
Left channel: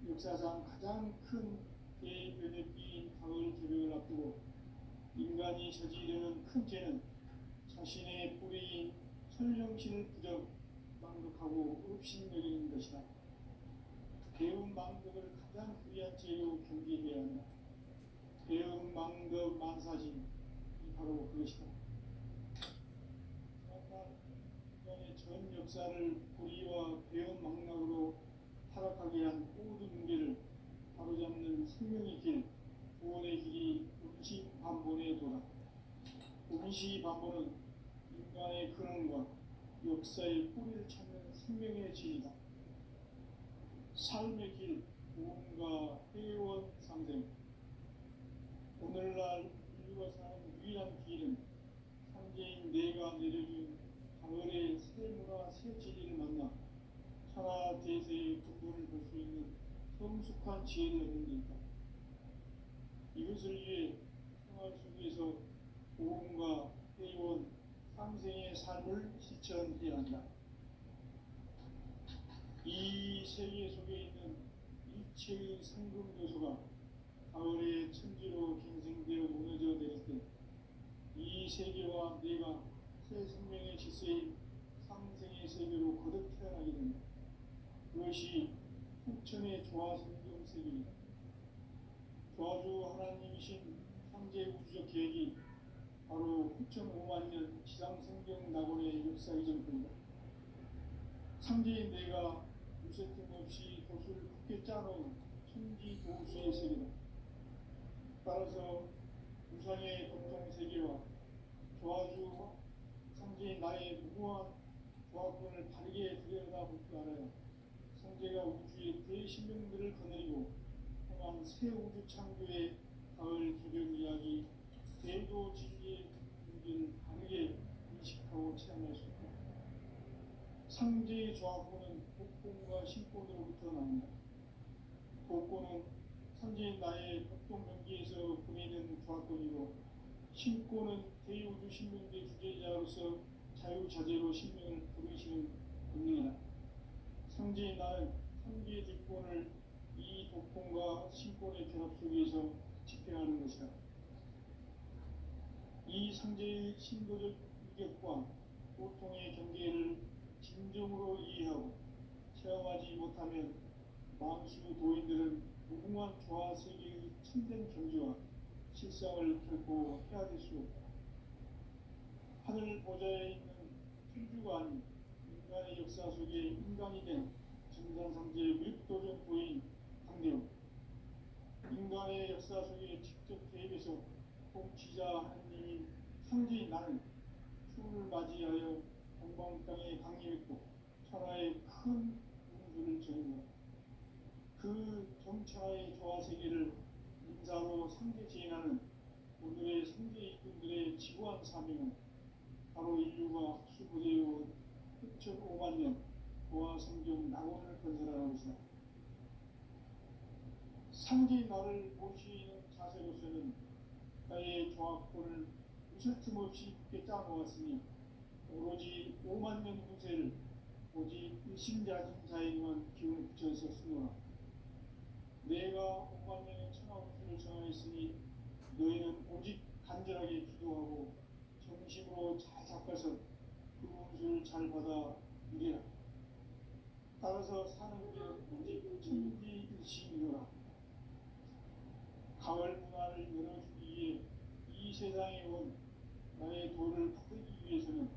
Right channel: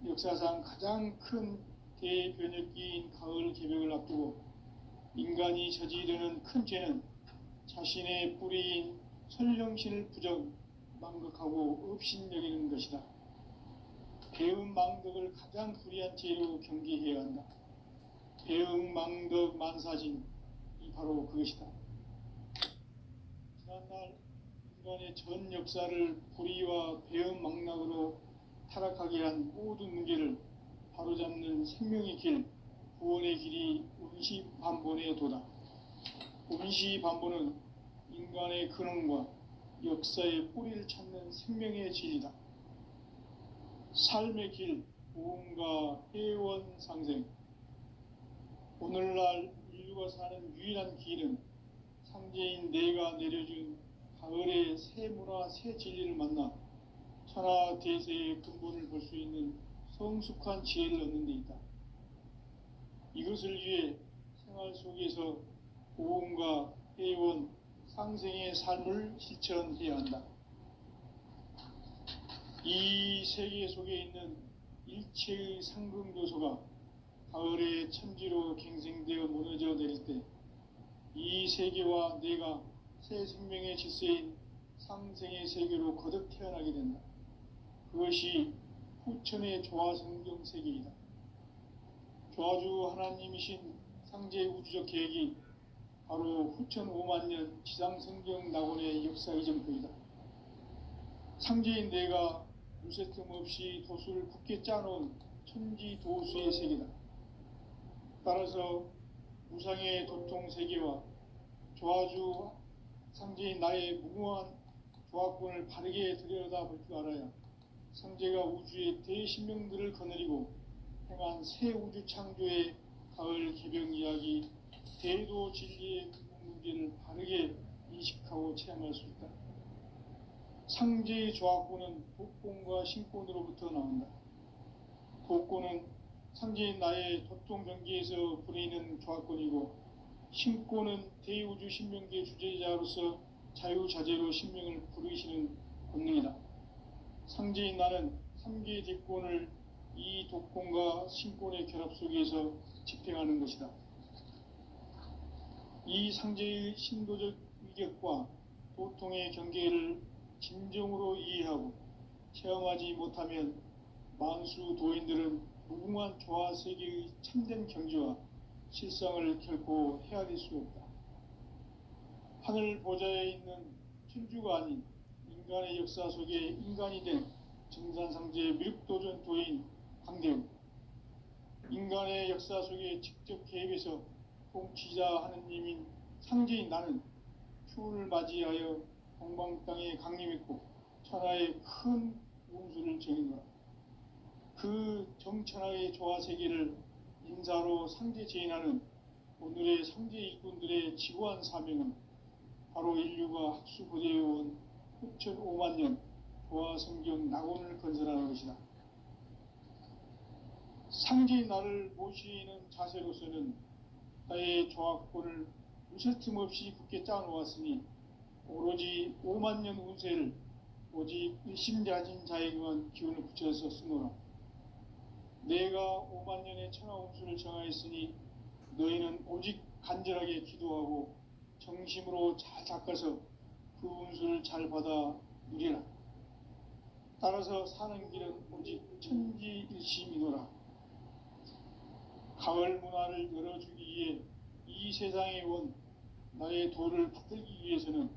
역사상 가장 큰 대변혁기인 가을 개벽을 앞두고 인간이 저지르는 큰 죄는 자신의 뿌리인 설령신을 부정, 망극하고 업신여기는 것이다. 배음 망덕을 가장 불의한 죄로 경계해야 한다. 배음 망덕 만사진이 바로 그것이다. 지난날 인간의 전 역사를 불의와 배음 망락으로 타락하게 한 모든 문제를 바로잡는 생명의 길, 구원의 길이 운시반본의 도다. 운시반본은 인간의 근원과 역사의 뿌리를 찾는 생명의 진리다. 삶의 길, 보험과 회원 상생. 오늘날 인류가 사는 유일한 길은 상제인 내가 내려준 가을의 새 문화, 새 진리를 만나 천하 대세의 근본을 볼 수 있는 성숙한 지혜를 얻는 데 있다. 이것을 위해 생활 속에서 보험과 회원, 상생의 삶을 실천해야 한다. 이 세계 속에 있는 일체의 상금 요소가 가을의 천지로 갱생되어 무너져 내릴 때 이 세계와 내가 새 생명의 질서인 상생의 세계로 거듭 태어나게 된다. 그것이 후천의 조화성경 세계이다. 조화주 하나님이신 상제 우주적 계획이 바로 후천 5만 년 지상성경 낙원의 역사 이전부이다. 상제인 내가 무쇠 틈 없이 도수를 굳게 짜놓은 천지 도수의 세계다. 따라서 무상의 도통 세계와 조화주 상제인 나의 무궁한 조화권을 바르게 들여다볼 줄 알아야 상제가 우주의 대신명들을 거느리고 행한 새 우주 창조의 가을 개병 이야기, 대도 진리의 문제를 바르게 인식하고 체험할 수 있다. 상제의 조화권은 복권과 신권으로부터 나온다. 복권은 상제인 나의 도통 경계에서 부리는 조화권이고, 신권은 대우주 신명계 주제자로서 자유자재로 신명을 부르시는 권능이다. 상제인 나는 3개의 대권을 이 독권과 신권의 결합 속에서 집행하는 것이다. 이 상제의 신도적 위격과 보통의 경계를 진정으로 이해하고 체험하지 못하면 만수 도인들은 무궁한 조화 세계의 참된 경지와 실상을 결코 헤아릴 수 없다. 하늘 보좌에 있는 천주가 아닌 인간의 역사 속에 인간이 된 정산상제의 미륵도전 도인 강대우, 인간의 역사 속에 직접 개입해서 통치자 하느님인 상제인 나는 추운을 맞이하여 동방 땅에 강림했고 천하의 큰 운수를 정했노라. 그 정천하의 조화 세계를 인사로 상제 제인하는 오늘의 상제 일꾼들의 지구한 사명은 바로 인류가 학수부대해온 후천 5만 년 조화 성경 낙원을 건설하는 것이다. 상제인 나를 모시는 자세로서는 나의 조화권을 무쇠틈 없이 굳게 짜놓았으니 오로지 5만 년 운세를 오직 일심자진 자에게만 기운을 붙여서 쓰노라. 내가 5만 년의 천하 운수를 정하였으니 너희는 오직 간절하게 기도하고 정심으로 잘 닦아서 그 운수를 잘 받아 누리라. 따라서 사는 길은 오직 천지일심이노라. 가을 문화를 열어주기 위해 이 세상에 온 나의 도를 붙들기 위해서는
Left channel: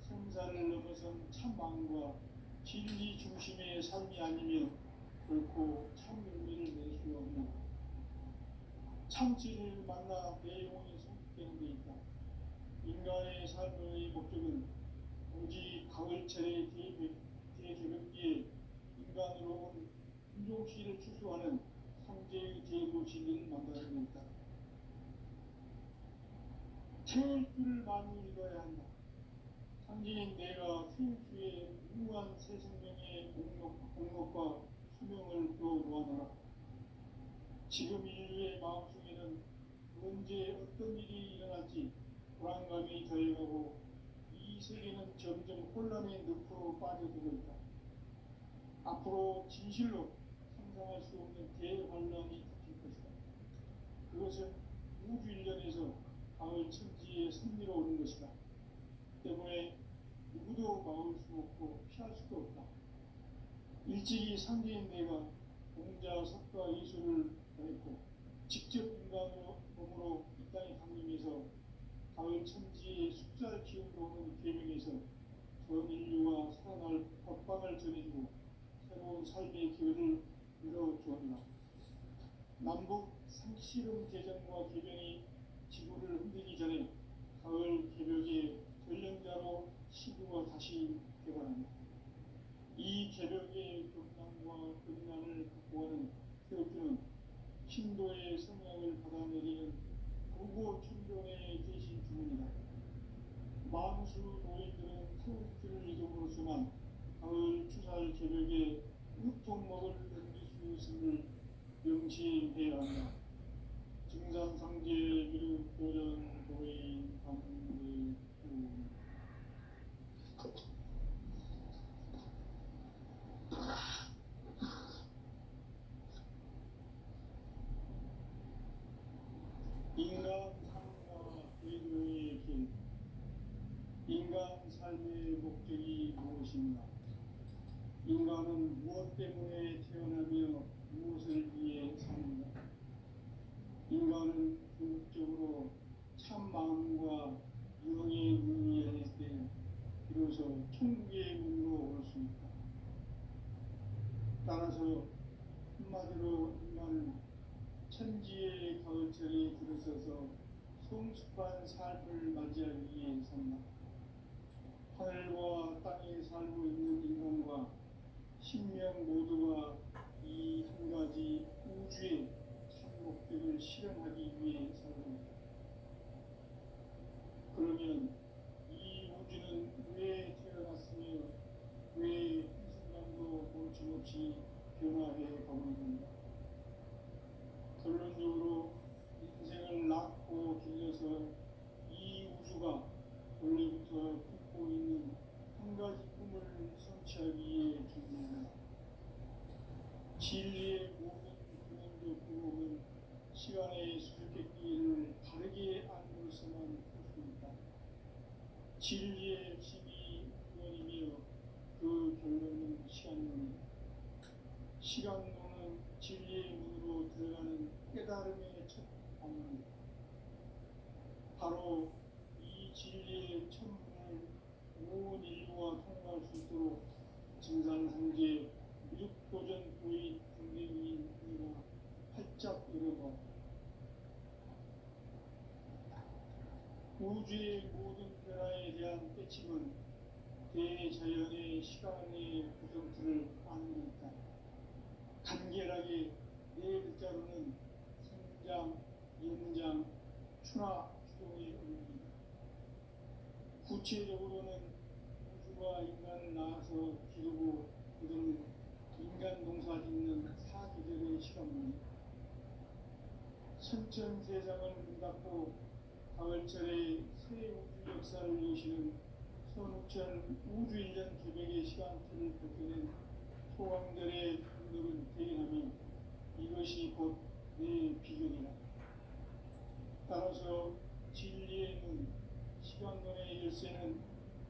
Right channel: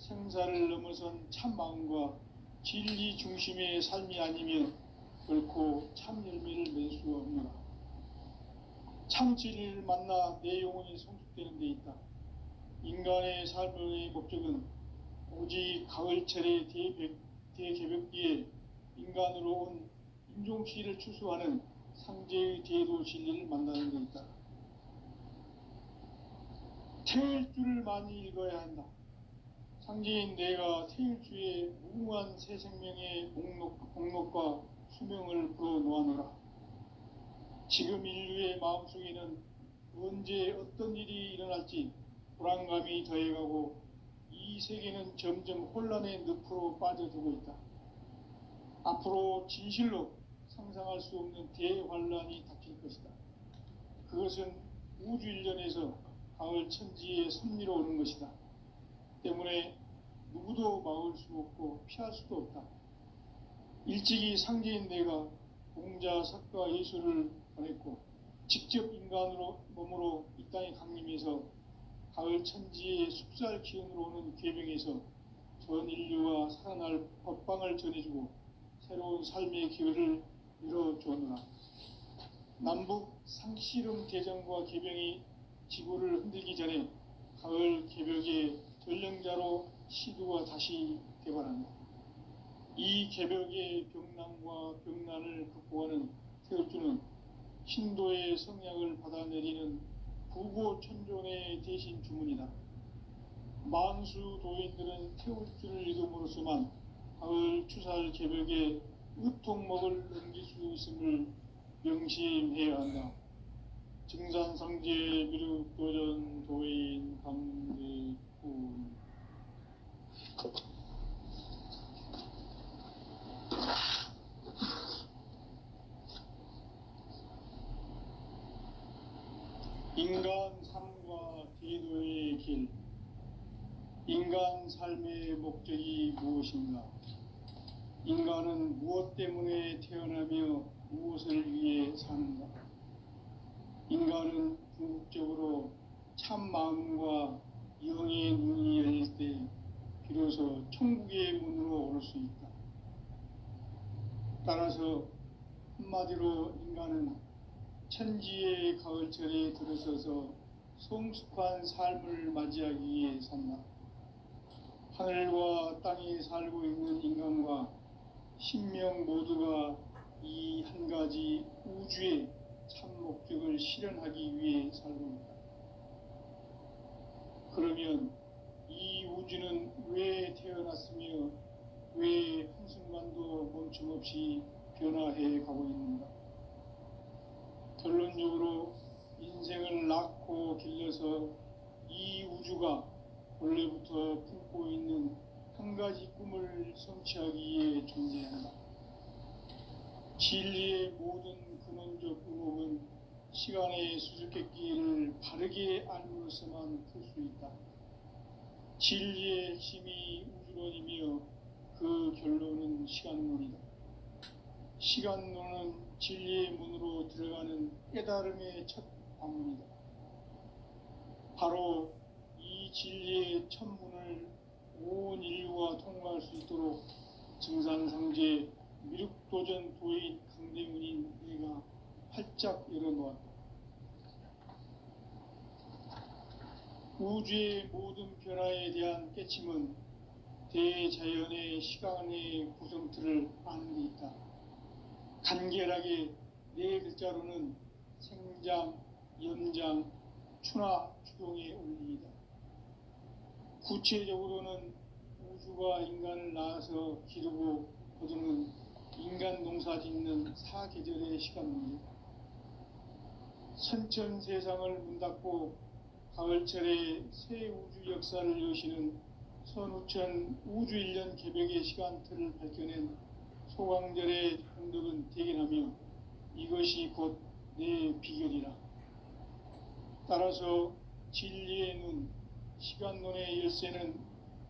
생사를 넘어선 참 마음과 진리 중심의 삶이 아니면 결코 참 열매를 낼 수 없노라. 참 진리를 만나 내 영혼이 성숙되는 데 있다. 인간의 삶의 목적은 오직 가을철의 대개벽기에 인간으로 온 인종시를 추수하는 상제의 대도 진리를 만나는 데 있다. 태일주를 많이 읽어야 한다. 상제인 내가 태일주의 무궁한 새 생명의 목록과 수명을 불어놓아노라. 지금 인류의 마음속에는 언제 어떤 일이 일어날지 불안감이 더해가고 이 세계는 점점 혼란의 늪으로 빠져들고 있다. 앞으로 진실로 상상할 수 없는 대환란이 닥칠 것이다. 그것은 우주 일련에서 가을 천지의 섭리로 오는 것이다. 때문에 누구도 막을 수 없고 피할 수도 없다. 일찍이 상제인 내가 공자, 석가, 예수를 보냈고 직접 인간으로 몸으로 이 땅에 강림해서 가을 천지의 숲살 기운으로 오는 계명에서 전 인류와 살아날 법방을 전해주고 새로운 삶의 기회를 열어주었노라. 남북 상씨름 대전과 계병이 지구를 흔들기 전에 가을 개벽의 전령자로 시두가 다시 개발한다. 이 개벽의 병난과 병난을 극복하는 태엽주는 신도의 성량을 받아내리는 구고천존의 대신 주문이다. 만수 도인들은 태엽주를 읽음으로써만 가을 추살 개벽의 으통목을 넘길 수 있음을 명심해야 한다. 증산상제 미륵도전 도인 감대군. 인간 삶과 그리스도의 길. 인간 삶의 목적이 무엇인가? 인간은 무엇 때문에 태어나며 무엇을 위해 사는가? 인간은 궁극적으로 참 마음과 영의 눈이 열릴 때 비로소 천국의 문으로 올 수 있다. 따라서 한마디로 인간은 천지의 가을철에 들어서서 성숙한 삶을 맞이하기 위해 산다. 하늘과 땅에 살고 있는 인간과 신명 모두가 이 한 가지 우주의 참 목적을 실현하기 위해 살고 있다. 그러면 이 우주는 왜 태어났으며 왜 한순간도 멈춤없이 변화해 가고 있는가? 결론적으로 인생을 낳고 길러서 이 우주가 원래부터 품고 있는 한 가지 꿈을 성취하기 위해 존재한다. 진리의 모든 근원적 의혹은 시간의 수수께끼를 바르게 알므로서만 풀 수 있다. 진리의 핵심이 우주론이며 그 결론은 시간론이다. 시간론은 진리의 문으로 들어가는 깨달음의 첫 방문이다. 바로 이 진리의 첫 문을 온 인류가 통과할 수 있도록 증산상제 미륵도전 도인 강대문인 내가 활짝 열어놓았다. 우주의 모든 변화에 대한 깨침은 대자연의 시간의 구성틀을 아는 데 있다. 간결하게 네 글자로는 생장, 연장, 추나 추동의 원리이다. 구체적으로는 우주가 인간을 낳아서 기르고 거두는 인간 농사 짓는 사계절의 시간입니다. 선천 세상을 문 닫고 가을철에 새 우주 역사를 여시는 선우천 우주 1년 개벽의 시간틀을 밝혀낸 소강절의 흔적은 대견하며 이것이 곧 내 비결이라. 따라서 진리의 눈, 시간론의 열쇠는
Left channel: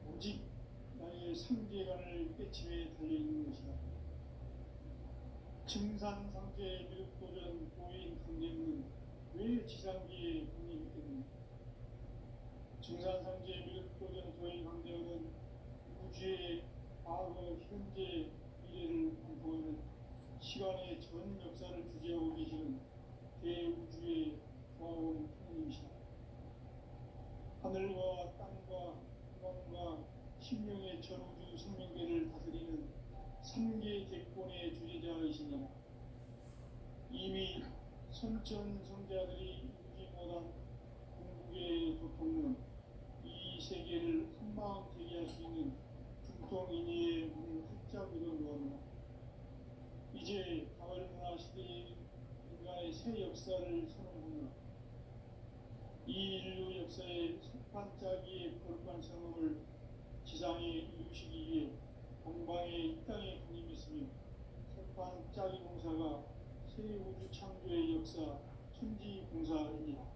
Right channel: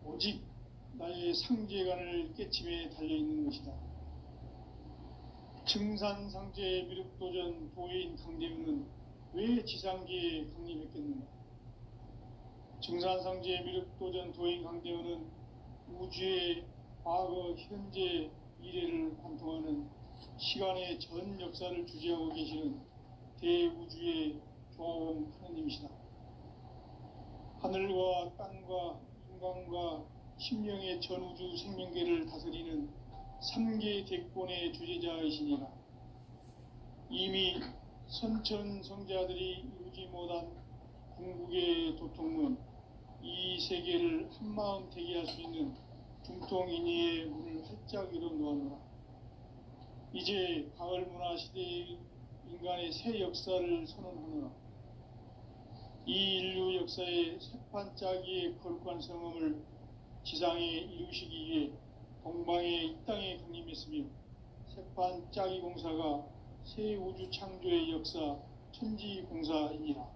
오직 나의 상제관을 깨침에 달려있는 것이다. 증산상제 미륵도전 도인 강대문은 왜 지상계에 강림했겠는가? 증산상제 미륵도전 도인 강대문은 우주의 과거, 현재, 미래를 관통하는 시간의 전 역사를 주재하고 계시는 대우주의 조화원 하느님이시다. 하늘과 땅과 인간과 심령의 전우주 생명계를 다스리는 3개 대권의 주제자이시니라. 이미 선천성자들이 이루지 못한 궁극의 도통문, 이 세계를 한마음 되게 할 수 있는 중통인의의 문을 활짝 열어놓았노라. 이제 가을 문화 시대의 인간의 새 역사를 선언하노라. 이 인류 역사의 새판짜기의 거룩한 성험을 지상에 이루시기 위해 동방의 이 땅에 강림했으며 새판짜기 공사가 새 우주 창조의 역사 천지공사이니라.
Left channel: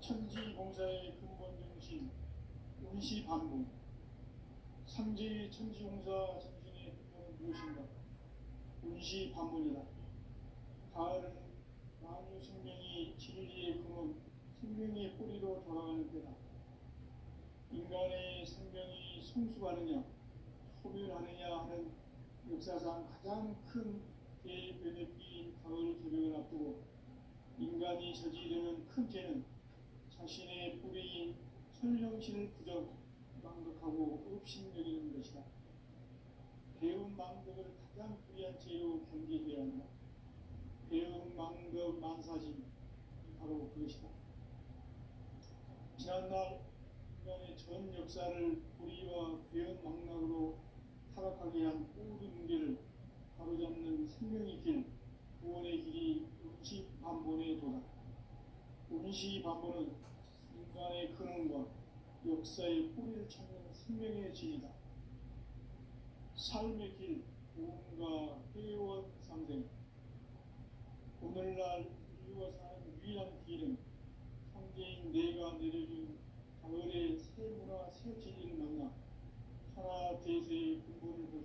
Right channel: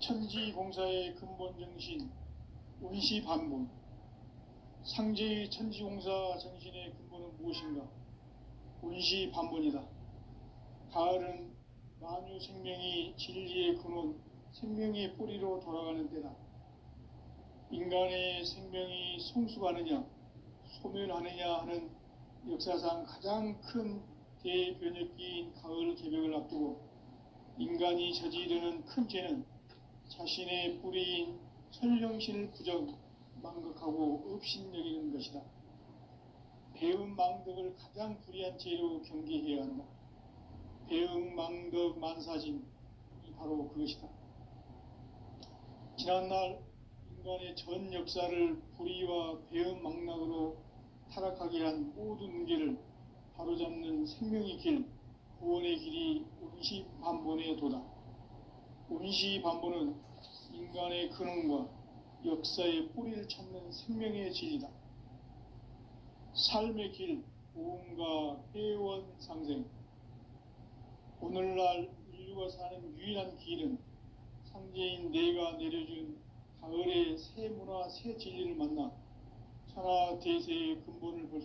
천지공사의 근본 정신 운시반본. 상제의 천지공사 정신의 근본은 무엇인가? 운시반본이다. 가을은 만유 생명이 진리의 근원, 생명의 뿌리로 돌아가는 때다. 인간의 생명이 성숙하느냐, 소멸하느냐 하는 역사상 가장 큰 대변혁기인 가을 개벽을 앞두고 인간이 저지르는 큰 죄는 자신의 뿌리인 설령신을 부정, 망각하고 업신여기는 것이다. 배은망덕을 가장 불의한 죄로 경계해야 한다. 배은망덕 만사진이 바로 그것이다. 지난날 인간의 전 역사를 불의와 배은망락으로 타락하게 한 모든 문제를 바로잡는 생명의 길, 구원의 길이 운시반본의 도다. 운시반본은 인간의 근원과 역사의 뿌리를 찾는 생명의 질이다. 삶의 길, 고음과 회원 상생. 오늘날 인류가 사는 유일한 길은 상제인 내가 내려준 가을의 새 문화 새 진리를 만나 천하 대세의 근본을 볼